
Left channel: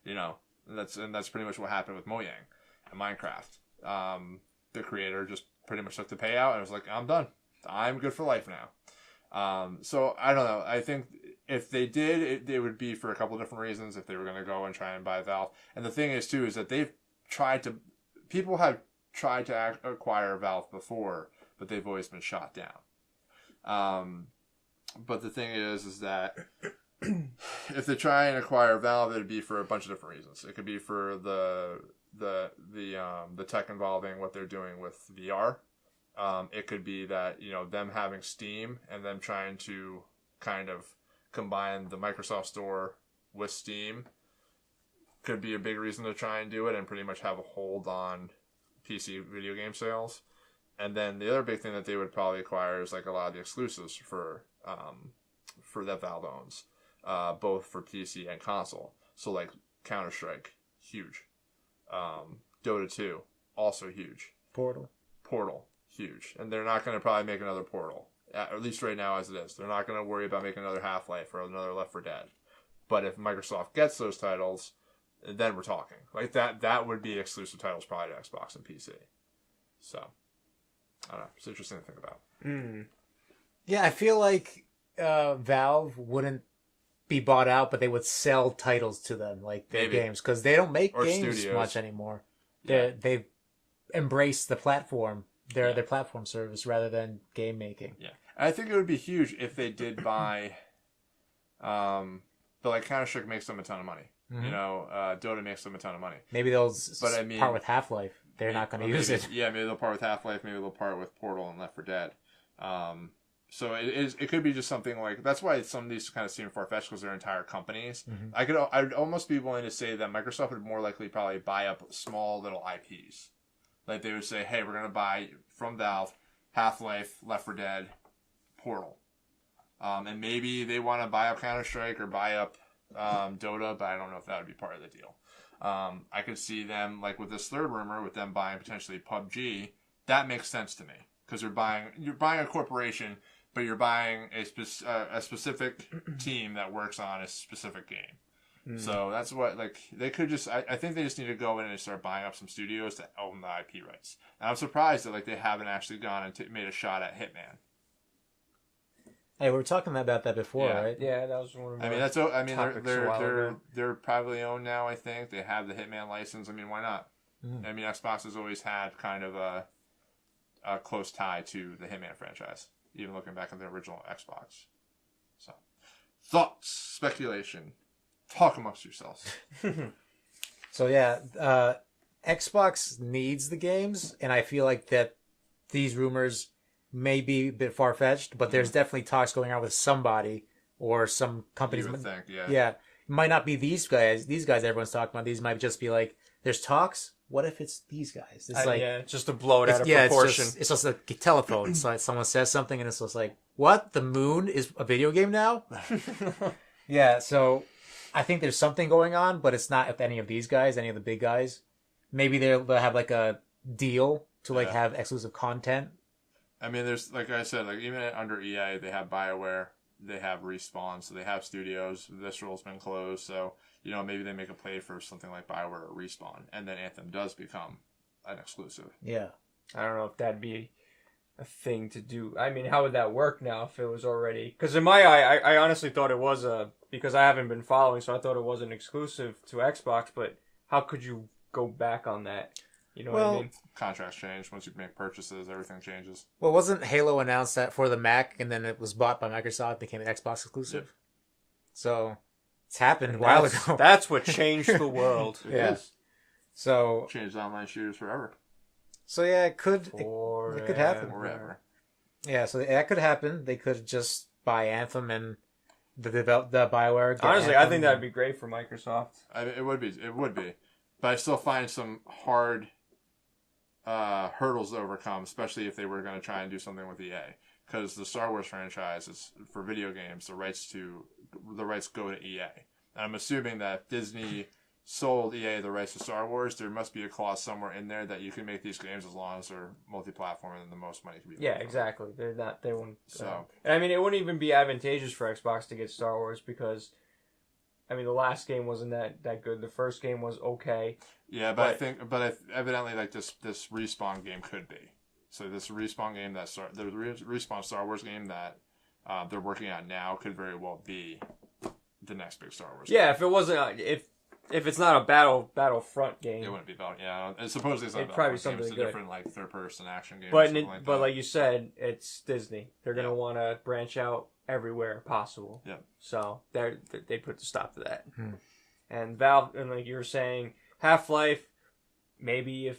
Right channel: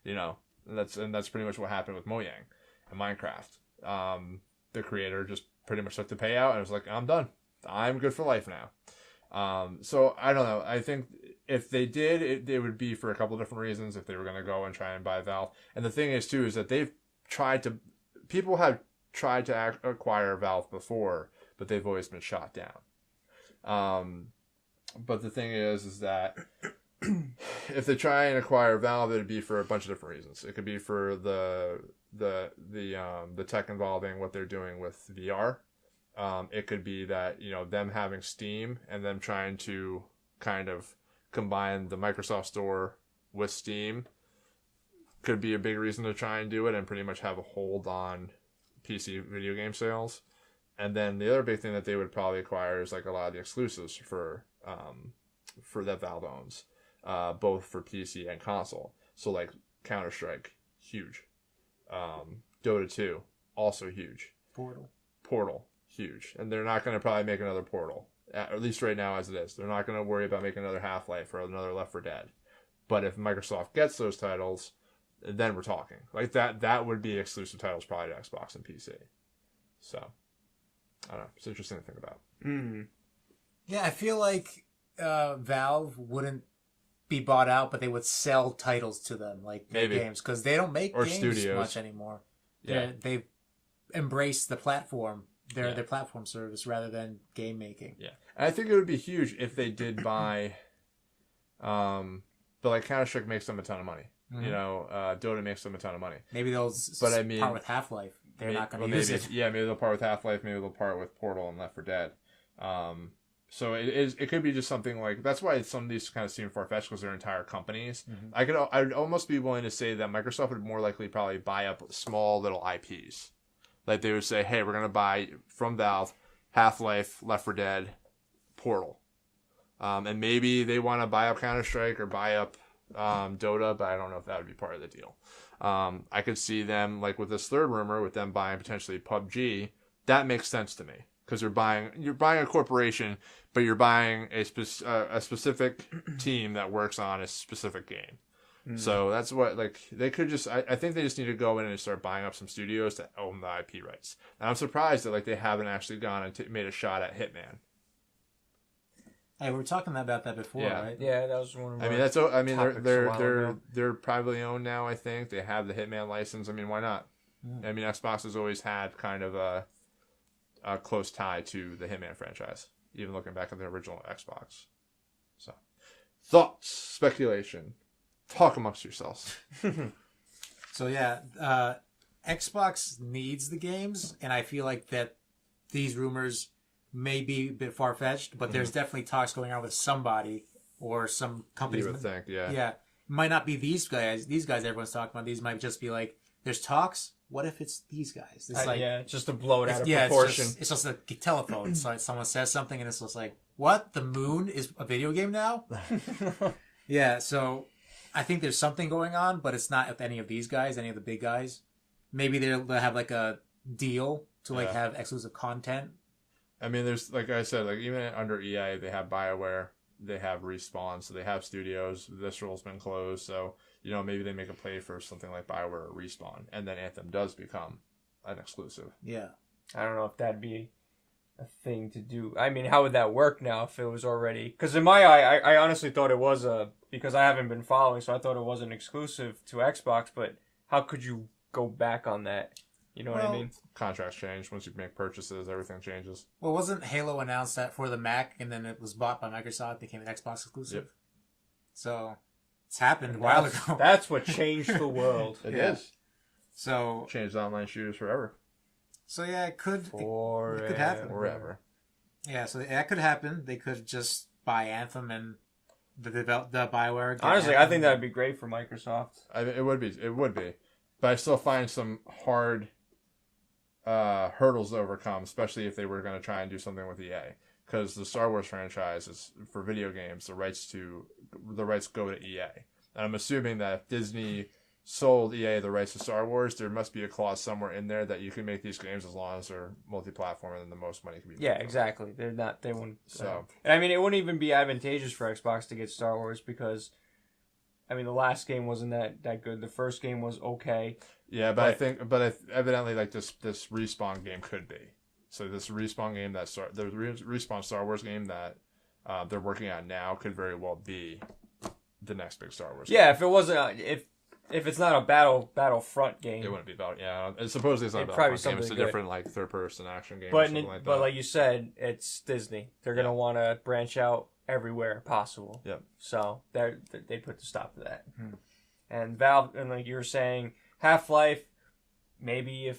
You know, and that's pretty much what happened with Mojang and Minecraft. The creator just pretty much took the payout and was like, I'm done. I'm good for life now. So I don't know. I think if they did, it would be for a couple of different reasons. If they were going to go and try and buy Valve, and the thing is too is that people have tried to acquire Valve before, but they've always been shot down. But the thing is that if they try and acquire Valve, it'd be for a bunch of different reasons. It could be for the tech involving what they're doing with VR. It could be that, you know, them having Steam and them trying to kind of combine the Microsoft Store with Steam could be a big reason to try and do it and pretty much have a hold on PC video game sales. And then the other big thing that they would probably acquire is like a lot of the exclusives for that Valve owns, both for PC and console. So like Counter-Strike, huge. Dota 2, also huge. Portal, huge. And they're not going to probably make another Portal, at least right now as it is. They're not going to worry about making another Half-Life or another Left 4 Dead. But if Microsoft gets those titles, then we're talking. Like that would be exclusive titles probably to Xbox and PC. So, I don't know. It's interesting to think about. Yeah, I feel like Valve wouldn't be bought out, but they would sell titles to them, like their games, because they don't make games studios. Much anymore. Yeah. They've embraced the platform, their platform service, rather than game making. Yeah, and I think it would be huge if they did buy. But like Counter-Strike makes them a ton of money. Mm-hmm. You know, Dota makes them a ton of money. Maybe they'll part with Half-Life. They're not going to use it. Yeah, maybe they'll part with Half-Life. Maybe they'll part with Portal and Left 4 Dead. So it could be just something like that's why some of these kind of seem far-fetched because they're entire companies. Mm-hmm. I'd almost be willing to say that Microsoft would more likely probably buy up small little IPs. Like they would say, hey, we're going to buy from Valve Half-Life, Left 4 Dead, Portal, and maybe they want to buy up Counter-Strike or buy up Dota, but I don't know if that would be part of the deal. I could see them, like with this third rumor, with them buying potentially PUBG. That makes sense to me because you're buying a corporation, but you're buying a specific team that works on a specific game. So that's what, like, they could just, I think they just need to go in and start buying up some studios to own the IP rights. And I'm surprised that, like, they haven't actually gone and made a shot at Hitman. Hey, we were talking about that before, right? Yeah, that was one of my they're privately owned now, I think. They have the Hitman license. I mean, why not? I mean, Xbox has always had kind of a close tie to the Hitman franchise, even looking back at the original Xbox. So, thoughts, speculation. Talk amongst yourselves. So, yeah, Xbox needs the games, and I feel like that these rumors may be a bit far-fetched, but there's definitely talks going on with somebody or some companies. You would think, yeah. Yeah. It might not be these guys everyone's talking about. These might just be like, there's talks. What if it's these guys? It's like, just to blow it out of proportion. It's just like a telephone. It's like someone says something and it's just like, what? The moon is a video game now? Yeah, so I think there's something going on, but it's not with any of these guys, any of the big guys. Maybe they'll have like a deal to like have exclusive content. I mean, there's, like I said, like even under EA, they have BioWare, they have Respawn, so they have studios. Visceral's been closed, so, you know, maybe they make a play for something like BioWare or Respawn, and then Anthem does become an exclusive. Yeah. I don't know if that'd be a thing to do. I mean, how would that work now if it was already? Because in my eye, I honestly thought it was because I haven't been following, so I thought it wasn't exclusive to Xbox. But how could you go back on that? You know what I mean? Contracts change once you make purchases. Everything changes. Well, wasn't Halo announced that for the Mac, and then it was bought by Microsoft, became an Xbox exclusive? Yep. So it's happened a while ago. That's what changed the world. It is. So Changed online shooters forever. So yeah, it could happen. Forever. Yeah, so that could happen. They could just buy Anthem and the BioWare. Honestly, Anthem. I think that'd be great for Microsoft. It would be. But I still find some hard hurdles to overcome, especially if they were going to try and do something with EA. Because the Star Wars franchise is, for video games, the rights go to EA. And I'm assuming that if Disney sold EA the rights to Star Wars, there must be a clause somewhere in there that you can make these games as long as they're multi-platform and the most money can be made. Yeah, exactly. They won't. So, and I mean, it wouldn't even be advantageous for Xbox to get Star Wars because, I mean, the last game wasn't that good. The first game was okay. Yeah, but evidently, like this Respawn game could be. So this Respawn game the Respawn Star Wars game that they're working on now could very well be the next big Star Wars. Yeah, game. if it wasn't if it's not a Battlefront game, it wouldn't be about. Yeah, and supposedly it's not probably something. It's a good. different like third-person action game. But like you said, it's Disney. They're gonna want to branch out everywhere possible. Yeah. So they put the stop to that. And Valve, and like you were saying, Half-Life. Maybe if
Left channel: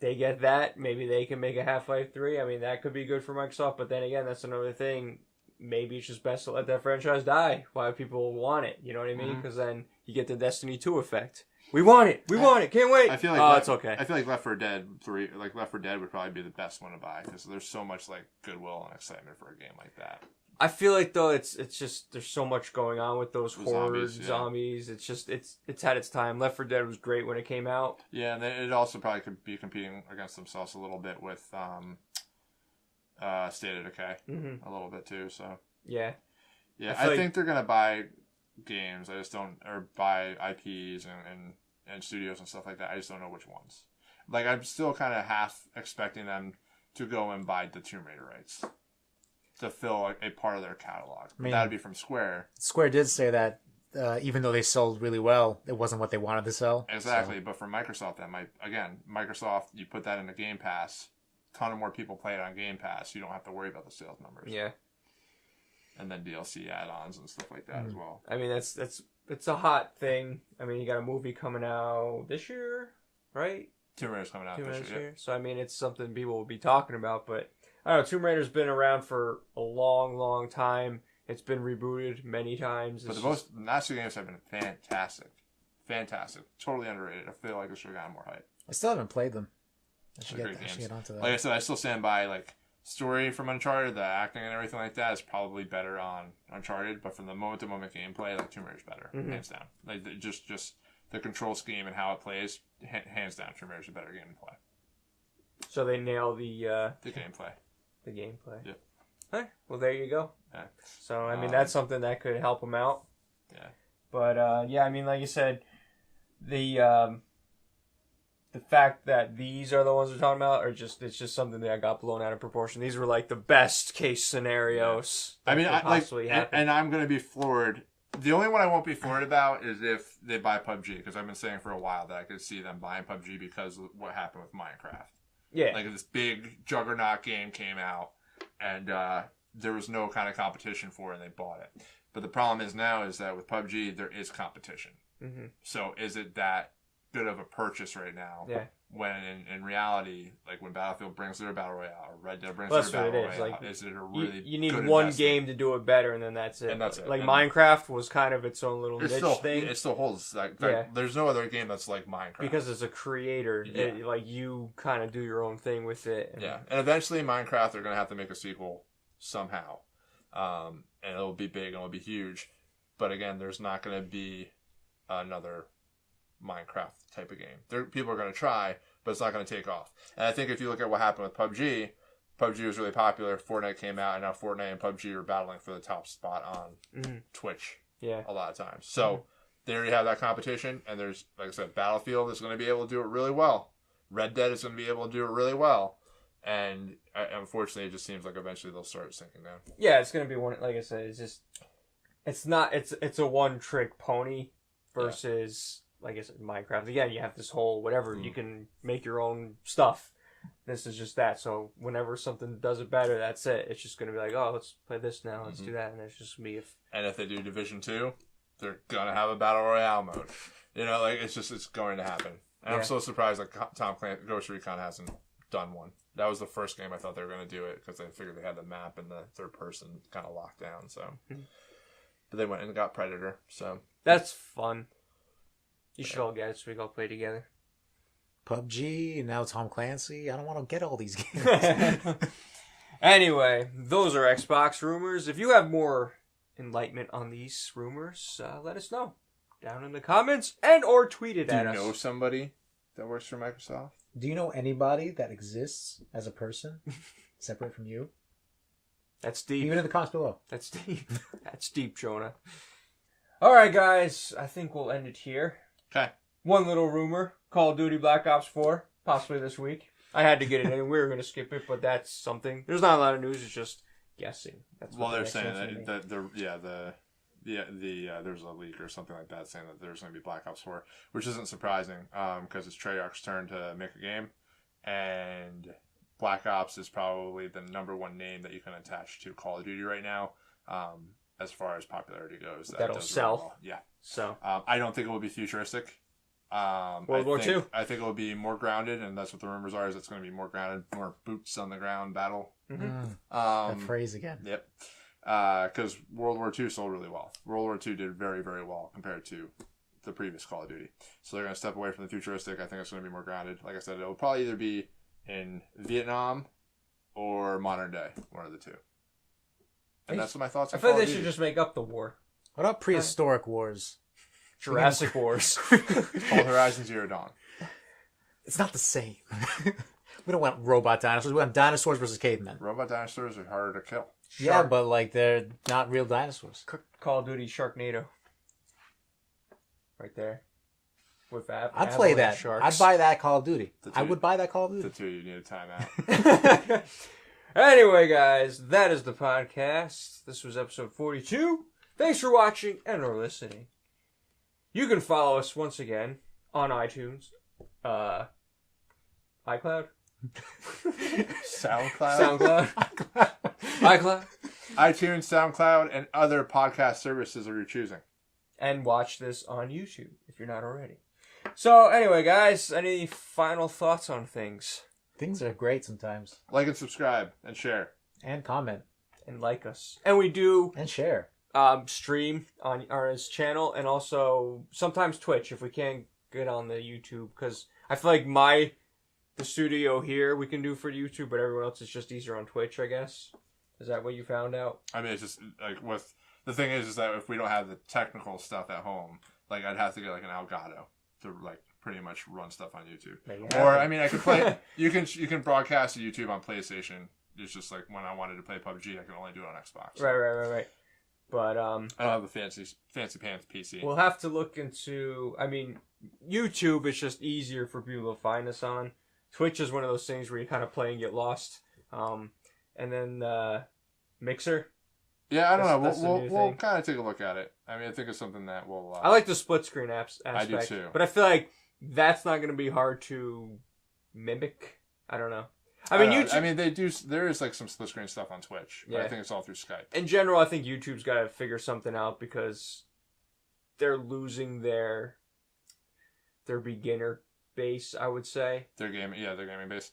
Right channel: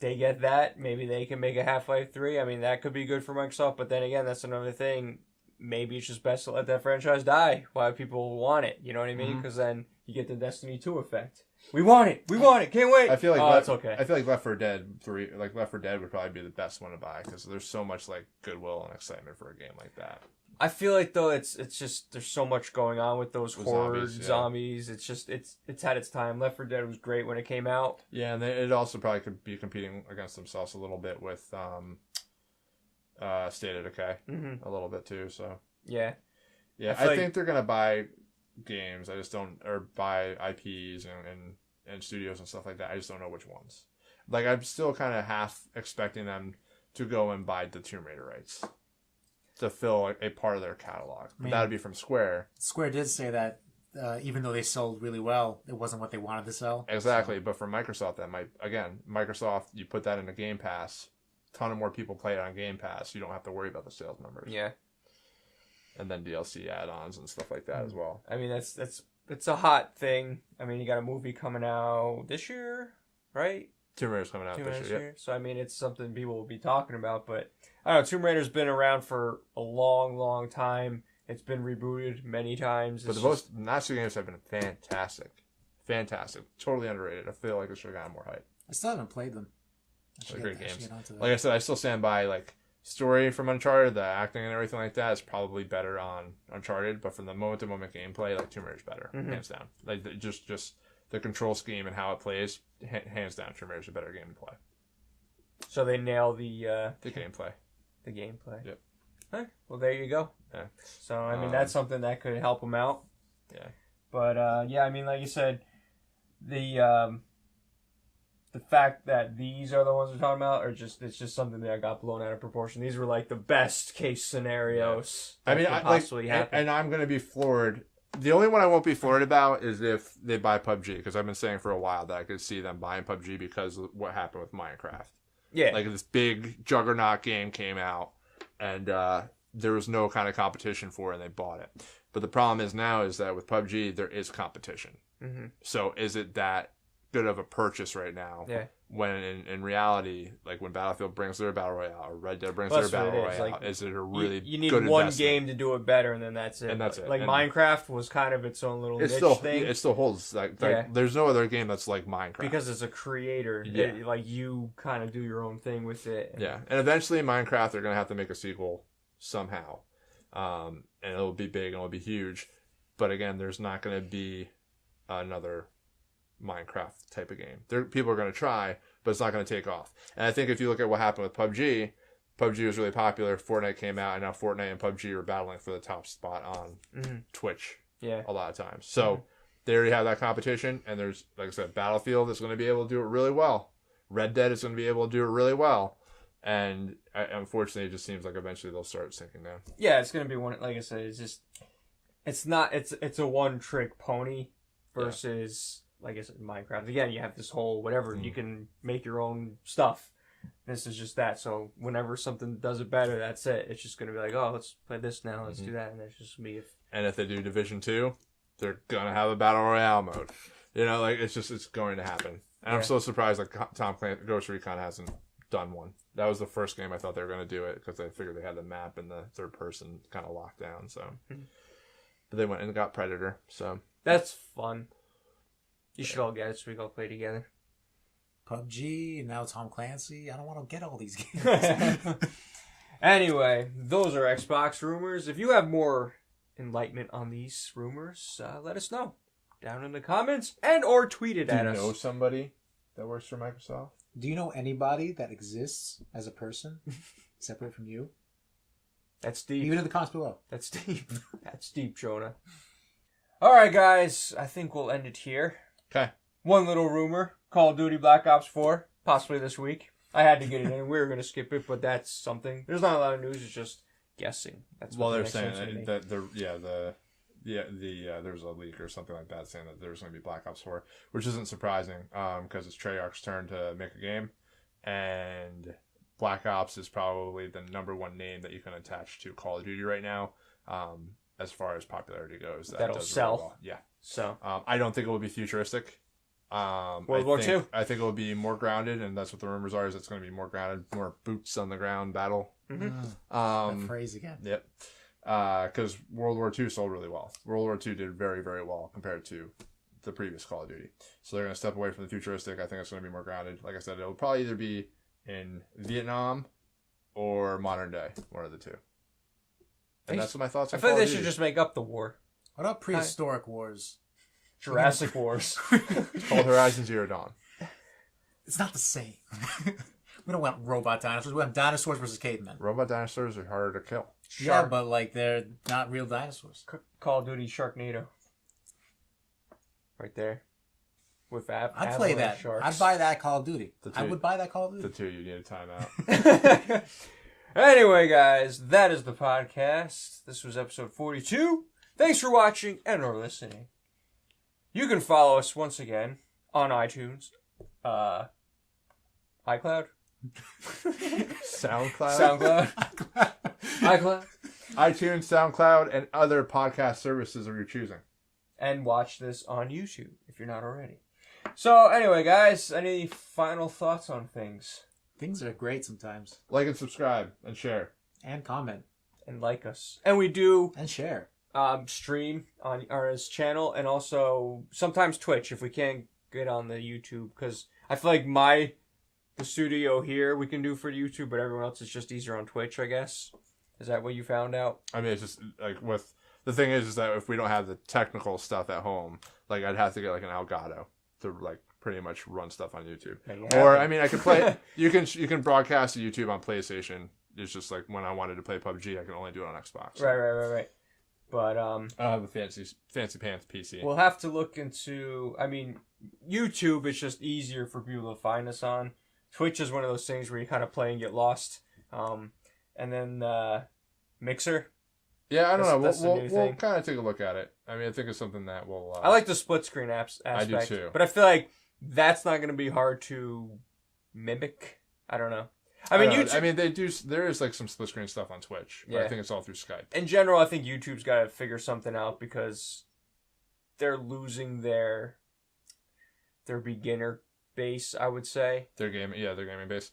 they get that, maybe they can make a Half-Life 3. I mean, that could be good for Microsoft. But then again, that's another thing. Maybe it's just best to let that franchise die while people want it. You know what I mean? Because then you get the Destiny 2 effect. We want it. We want it. Can't wait. I feel like it's okay. I feel like Left 4 Dead 3, like Left 4 Dead would probably be the best one to buy because there's so much like goodwill and excitement for a game like that. I feel like though it's just there's so much going on with those horror zombies. It's just it's had its time. Left 4 Dead was great when it came out. Yeah, and it also probably could be competing against themselves a little bit with State of Decay a little bit too. So yeah. I think they're gonna buy games. I just don't, or buy IPs and studios and stuff like that. I just don't know which ones. Like I'm still kind of half expecting them to go and buy the Tomb Raider rights to fill a part of their catalog. I mean, that would be from Square. Square did say that even though they sold really well, it wasn't what they wanted to sell. Exactly, so. But for Microsoft, that might Microsoft. You put that into Game Pass, a ton of more people play it on Game Pass. You don't have to worry about the sales numbers. Yeah. And then DLC add-ons and stuff like that as well. I mean, it's a hot thing. I mean, you got a movie coming out this year, right? Tomb Raider's coming out this year. Yep. So I mean, it's something people will be talking about. But I don't know. Tomb Raider's been around for a long, long time. It's been rebooted many times. But the last two games have been fantastic. Totally underrated. I feel like it should have gotten more hype. I still haven't played them. I should great games. get onto that. Like I said, I still stand by like story from Uncharted, the acting and everything like that is probably better on Uncharted, but from the moment-to-moment gameplay, like Tomb Raider's better, hands down. Like just the control scheme and how it plays, hands down, Tomb Raider's a better game to play. So they nail the gameplay. The gameplay. Yep. Okay. Well, there you go. Yeah. So I mean, that's something that could help them out. Yeah. But yeah, I mean, like you said, the fact that these are the ones we're talking about, it's just something that got blown out of proportion. These were like the best case scenarios. I mean, could possibly happen. And I'm gonna be floored. The only one I won't be floored about is if they buy PUBG, because I've been saying for a while that I could see them buying PUBG because of what happened with Minecraft. Yeah, like this big juggernaut game came out, and there was no kind of competition for it, and they bought it. But the problem is now is that with PUBG there is competition. Mm-hmm. So is it that good of a purchase right now? Yeah. When in reality, like when Battlefield brings their battle royale or Red Dead brings their battle royale, like, is it a really you need good one investment? game to do it better, and then that's it. And that's it. Like and Minecraft was kind of its own little niche thing. It still holds like there's no other game that's like Minecraft because it's a creator. Yeah. Like you kind of do your own thing with it. Yeah, and eventually Minecraft they're gonna have to make a sequel somehow, and it'll be big and it'll be huge. But again, there's not gonna be another Minecraft type of game. People are going to try, but it's not going to take off. And I think if you look at what happened with PUBG was really popular. Fortnite came out, and now Fortnite and PUBG are battling for the top spot on Twitch. Yeah, a lot of times. So they already have that competition, and there's, like I said, Battlefield is going to be able to do it really well. Red Dead is going to be able to do it really well. And unfortunately, it just seems like eventually they'll start sinking down. Yeah, it's gonna be one. Like I said, it's not. It's a one trick pony versus like I said, Minecraft. Again, you have this whole whatever. You can make your own stuff. This is just that. So whenever something does it better, that's it. It's just gonna be like, oh, let's play this now. Let's do that, and it's just gonna be. And if they do Division 2, they're gonna have a battle royale mode. You know, like it's going to happen. And I'm so surprised like Tom Clancy Ghost Recon hasn't done one. That was the first game I thought they were going to do it because I figured they had the map and the third person kind of locked down. So, but they went and got Predator. So that's fun. You should all get it so we can all play together. PUBG, now Tom Clancy. I don't want to get all these games. Anyway, those are Xbox rumors. If you have more enlightenment on these rumors, let us know down in the comments and or tweet it at us. Do you know somebody that works for Microsoft? Do you know anybody that exists as a person separate from you? That's deep. Leave it in the comments below. That's deep. That's deep, Jonah. All right, guys. I think we'll end it here. Okay. One little rumor. Call of Duty Black Ops 4. Possibly this week. I had to get it in. We were going to skip it, but that's something. There's not a lot of news. It's just guessing. That's what they're saying that there's a leak or something like that saying that there's going to be Black Ops 4, which isn't surprising because it's Treyarch's turn to make a game, and Black Ops is probably the number one name that you can attach to Call of Duty right now as far as popularity goes. That'll sell. Really well. Yeah. So I don't think it will be futuristic. World War II? I think it will be more grounded, and that's what the rumors are, is it's going to be more grounded, more boots on the ground battle. That phrase again. Yep. Because World War II sold really well. World War II did very, very well compared to the previous Call of Duty. So they're going to step away from the futuristic. I think it's going to be more grounded. Like I said, it'll probably either be in Vietnam or modern day, one of the two. And that's what my thoughts are. I feel like they should just make up the war. What about prehistoric wars? Jurassic Wars. Called Horizon Zero Dawn. It's not the same. We don't want robot dinosaurs. We want dinosaurs versus cavemen. Robot dinosaurs are harder to kill. Yeah, but like they're not real dinosaurs. Call of Duty Sharknado. Right there. With that. I'd play that. Sharks. I'd buy that Call of Duty. I would buy that Call of Duty. The two, you need a timeout. Anyway, guys, that is the podcast. This was episode 42. Thanks for watching and or listening. You can follow us once again on iTunes, iCloud, SoundCloud, iCloud, iTunes, SoundCloud, and other podcast services of your choosing. And watch this on YouTube if you're not already. So, anyway, guys, any final thoughts on things? Things are great sometimes. Like and subscribe and share. And comment. And like us. And we do... And share. Stream on our channel and also sometimes Twitch if we can't get on the YouTube, because I feel like the studio here we can do for YouTube, but everyone else is just easier on Twitch, I guess. Is that what you found out? I mean, it's just like the thing is that if we don't have the technical stuff at home, like I'd have to get like an Elgato to like pretty much run stuff on YouTube. Or I mean, I could play. you can broadcast to YouTube on PlayStation. It's just like when I wanted to play PUBG, I can only do it on Xbox. Right. But I don't have a fancy pants PC. We'll have to look into. I mean, YouTube is just easier for people to find us on. Twitch is one of those things where you kind of play and get lost. And then Mixer. Yeah, I don't know. We'll kind of take a look at it. I mean, I think it's something that we'll... I like the split screen aspect. I do too. But I feel like that's not going to be hard to mimic. I don't know. I mean, YouTube... I mean, they do... There is like some split screen stuff on Twitch. But I think it's all through Skype. In general, I think YouTube's got to figure something out because they're losing their beginner base, I would say. Their gaming base.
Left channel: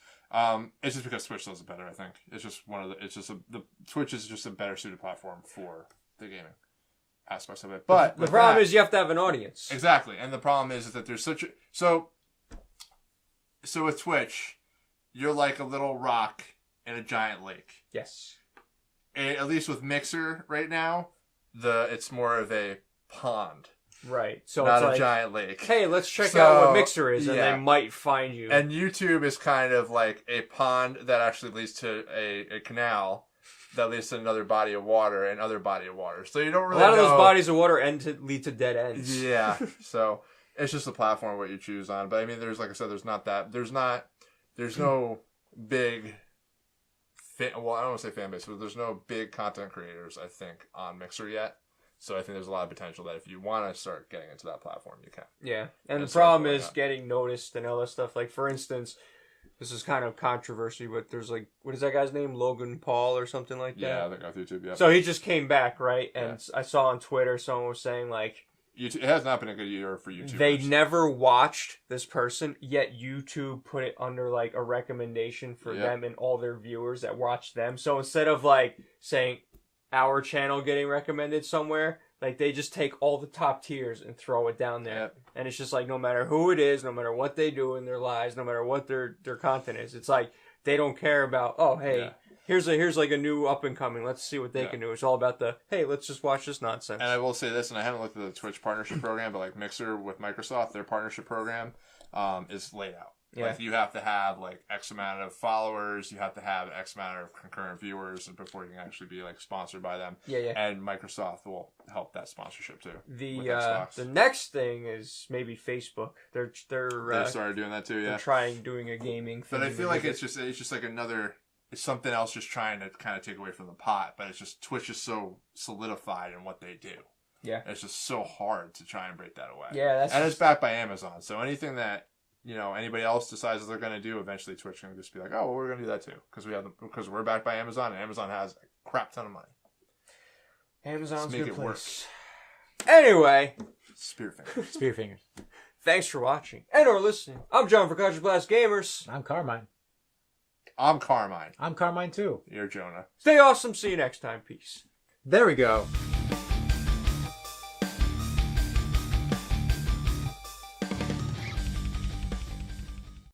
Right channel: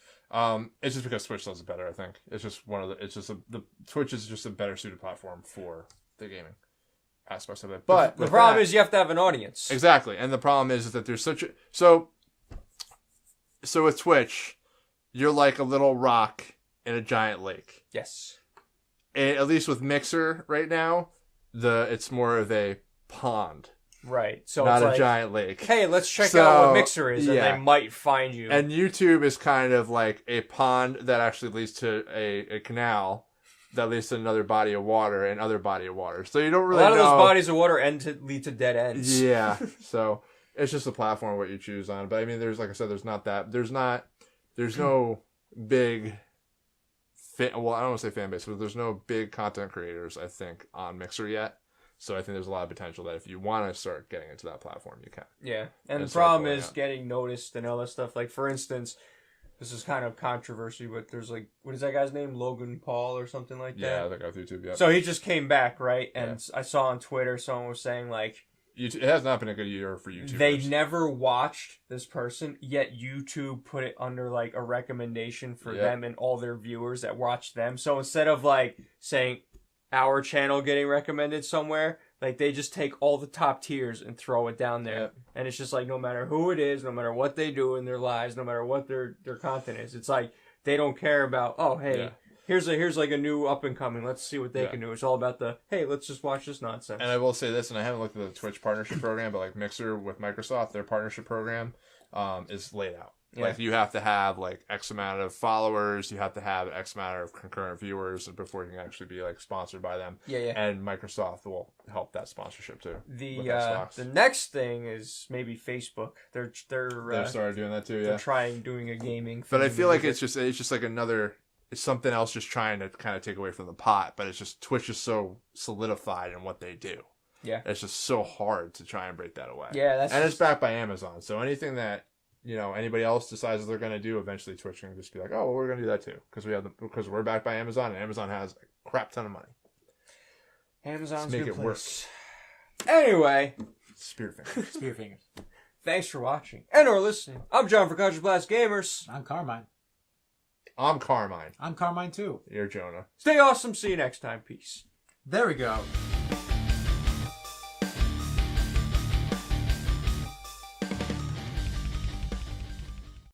It's just because Twitch does it better, I think. It's just the Twitch is just a better suited platform for the gaming aspects of it. But the problem is you have to have an audience. Exactly. And the problem is that there's such a... So with Twitch, you're like a little rock in a giant lake. Yes. And at least with Mixer right now, it's more of a pond. Right. So not it's a like, giant lake. Hey, let's check out what Mixer is, and they might find you. And YouTube is kind of like a pond that actually leads to a canal that leads to another body of water and other body of water. So you don't really know. A lot of those bodies of water lead to dead ends. Yeah. So it's just a platform what you choose on. But I mean, there's, like I said, there's no big I don't want to say fan base, but there's no big content creators, I think, on Mixer yet. So I think there's a lot of potential that if you want to start getting into that platform, you can. Yeah, and the problem is getting noticed and all that stuff. Like, for instance, this is kind of controversy, but there's like, what is that guy's name? Logan Paul or something like that? Yeah, that guy off YouTube, yeah. So he just came back, right? And I saw on Twitter someone was saying, like, it has not been a good year for YouTube. They never watched this person, yet YouTube put it under, like, a recommendation for them and all their viewers that watch them. So instead of, like, saying our channel getting recommended somewhere, like, they just take all the top tiers and throw it down there. Yeah. And it's just like, no matter who it is, no matter what they do in their lives, no matter what their content is, it's like, they don't care about, oh, hey, here's like a new up and coming. Let's see what they can do. It's all about the, hey, let's just watch this nonsense. And I will say this, and I haven't looked at the Twitch partnership program, but like Mixer with Microsoft, their partnership program is laid out. Yeah. Like, you have to have like X amount of followers, you have to have X amount of concurrent viewers before you can actually be like sponsored by them. Yeah. And Microsoft will help that sponsorship too. The next thing is maybe Facebook. They started doing that too. Yeah, they're doing a gaming thing. But I feel like it's just like another. It's something else just trying to kind of take away from the pot, but it's just Twitch is so solidified in what they do. Yeah. It's just so hard to try and break that away. Yeah, it's backed by Amazon. So anything that, anybody else decides they're going to do, eventually Twitch can just be like, oh, well, we're going to do that too. Because we're backed by Amazon, and Amazon has a crap ton of money. Amazon's a good place. Anyway. Spear fingers. Thanks for watching and or listening. I'm John for Cartridge Blast Gamers. I'm Carmine. I'm Carmine. I'm Carmine too. You're Jonah. Stay awesome. See you next time. Peace. There we go.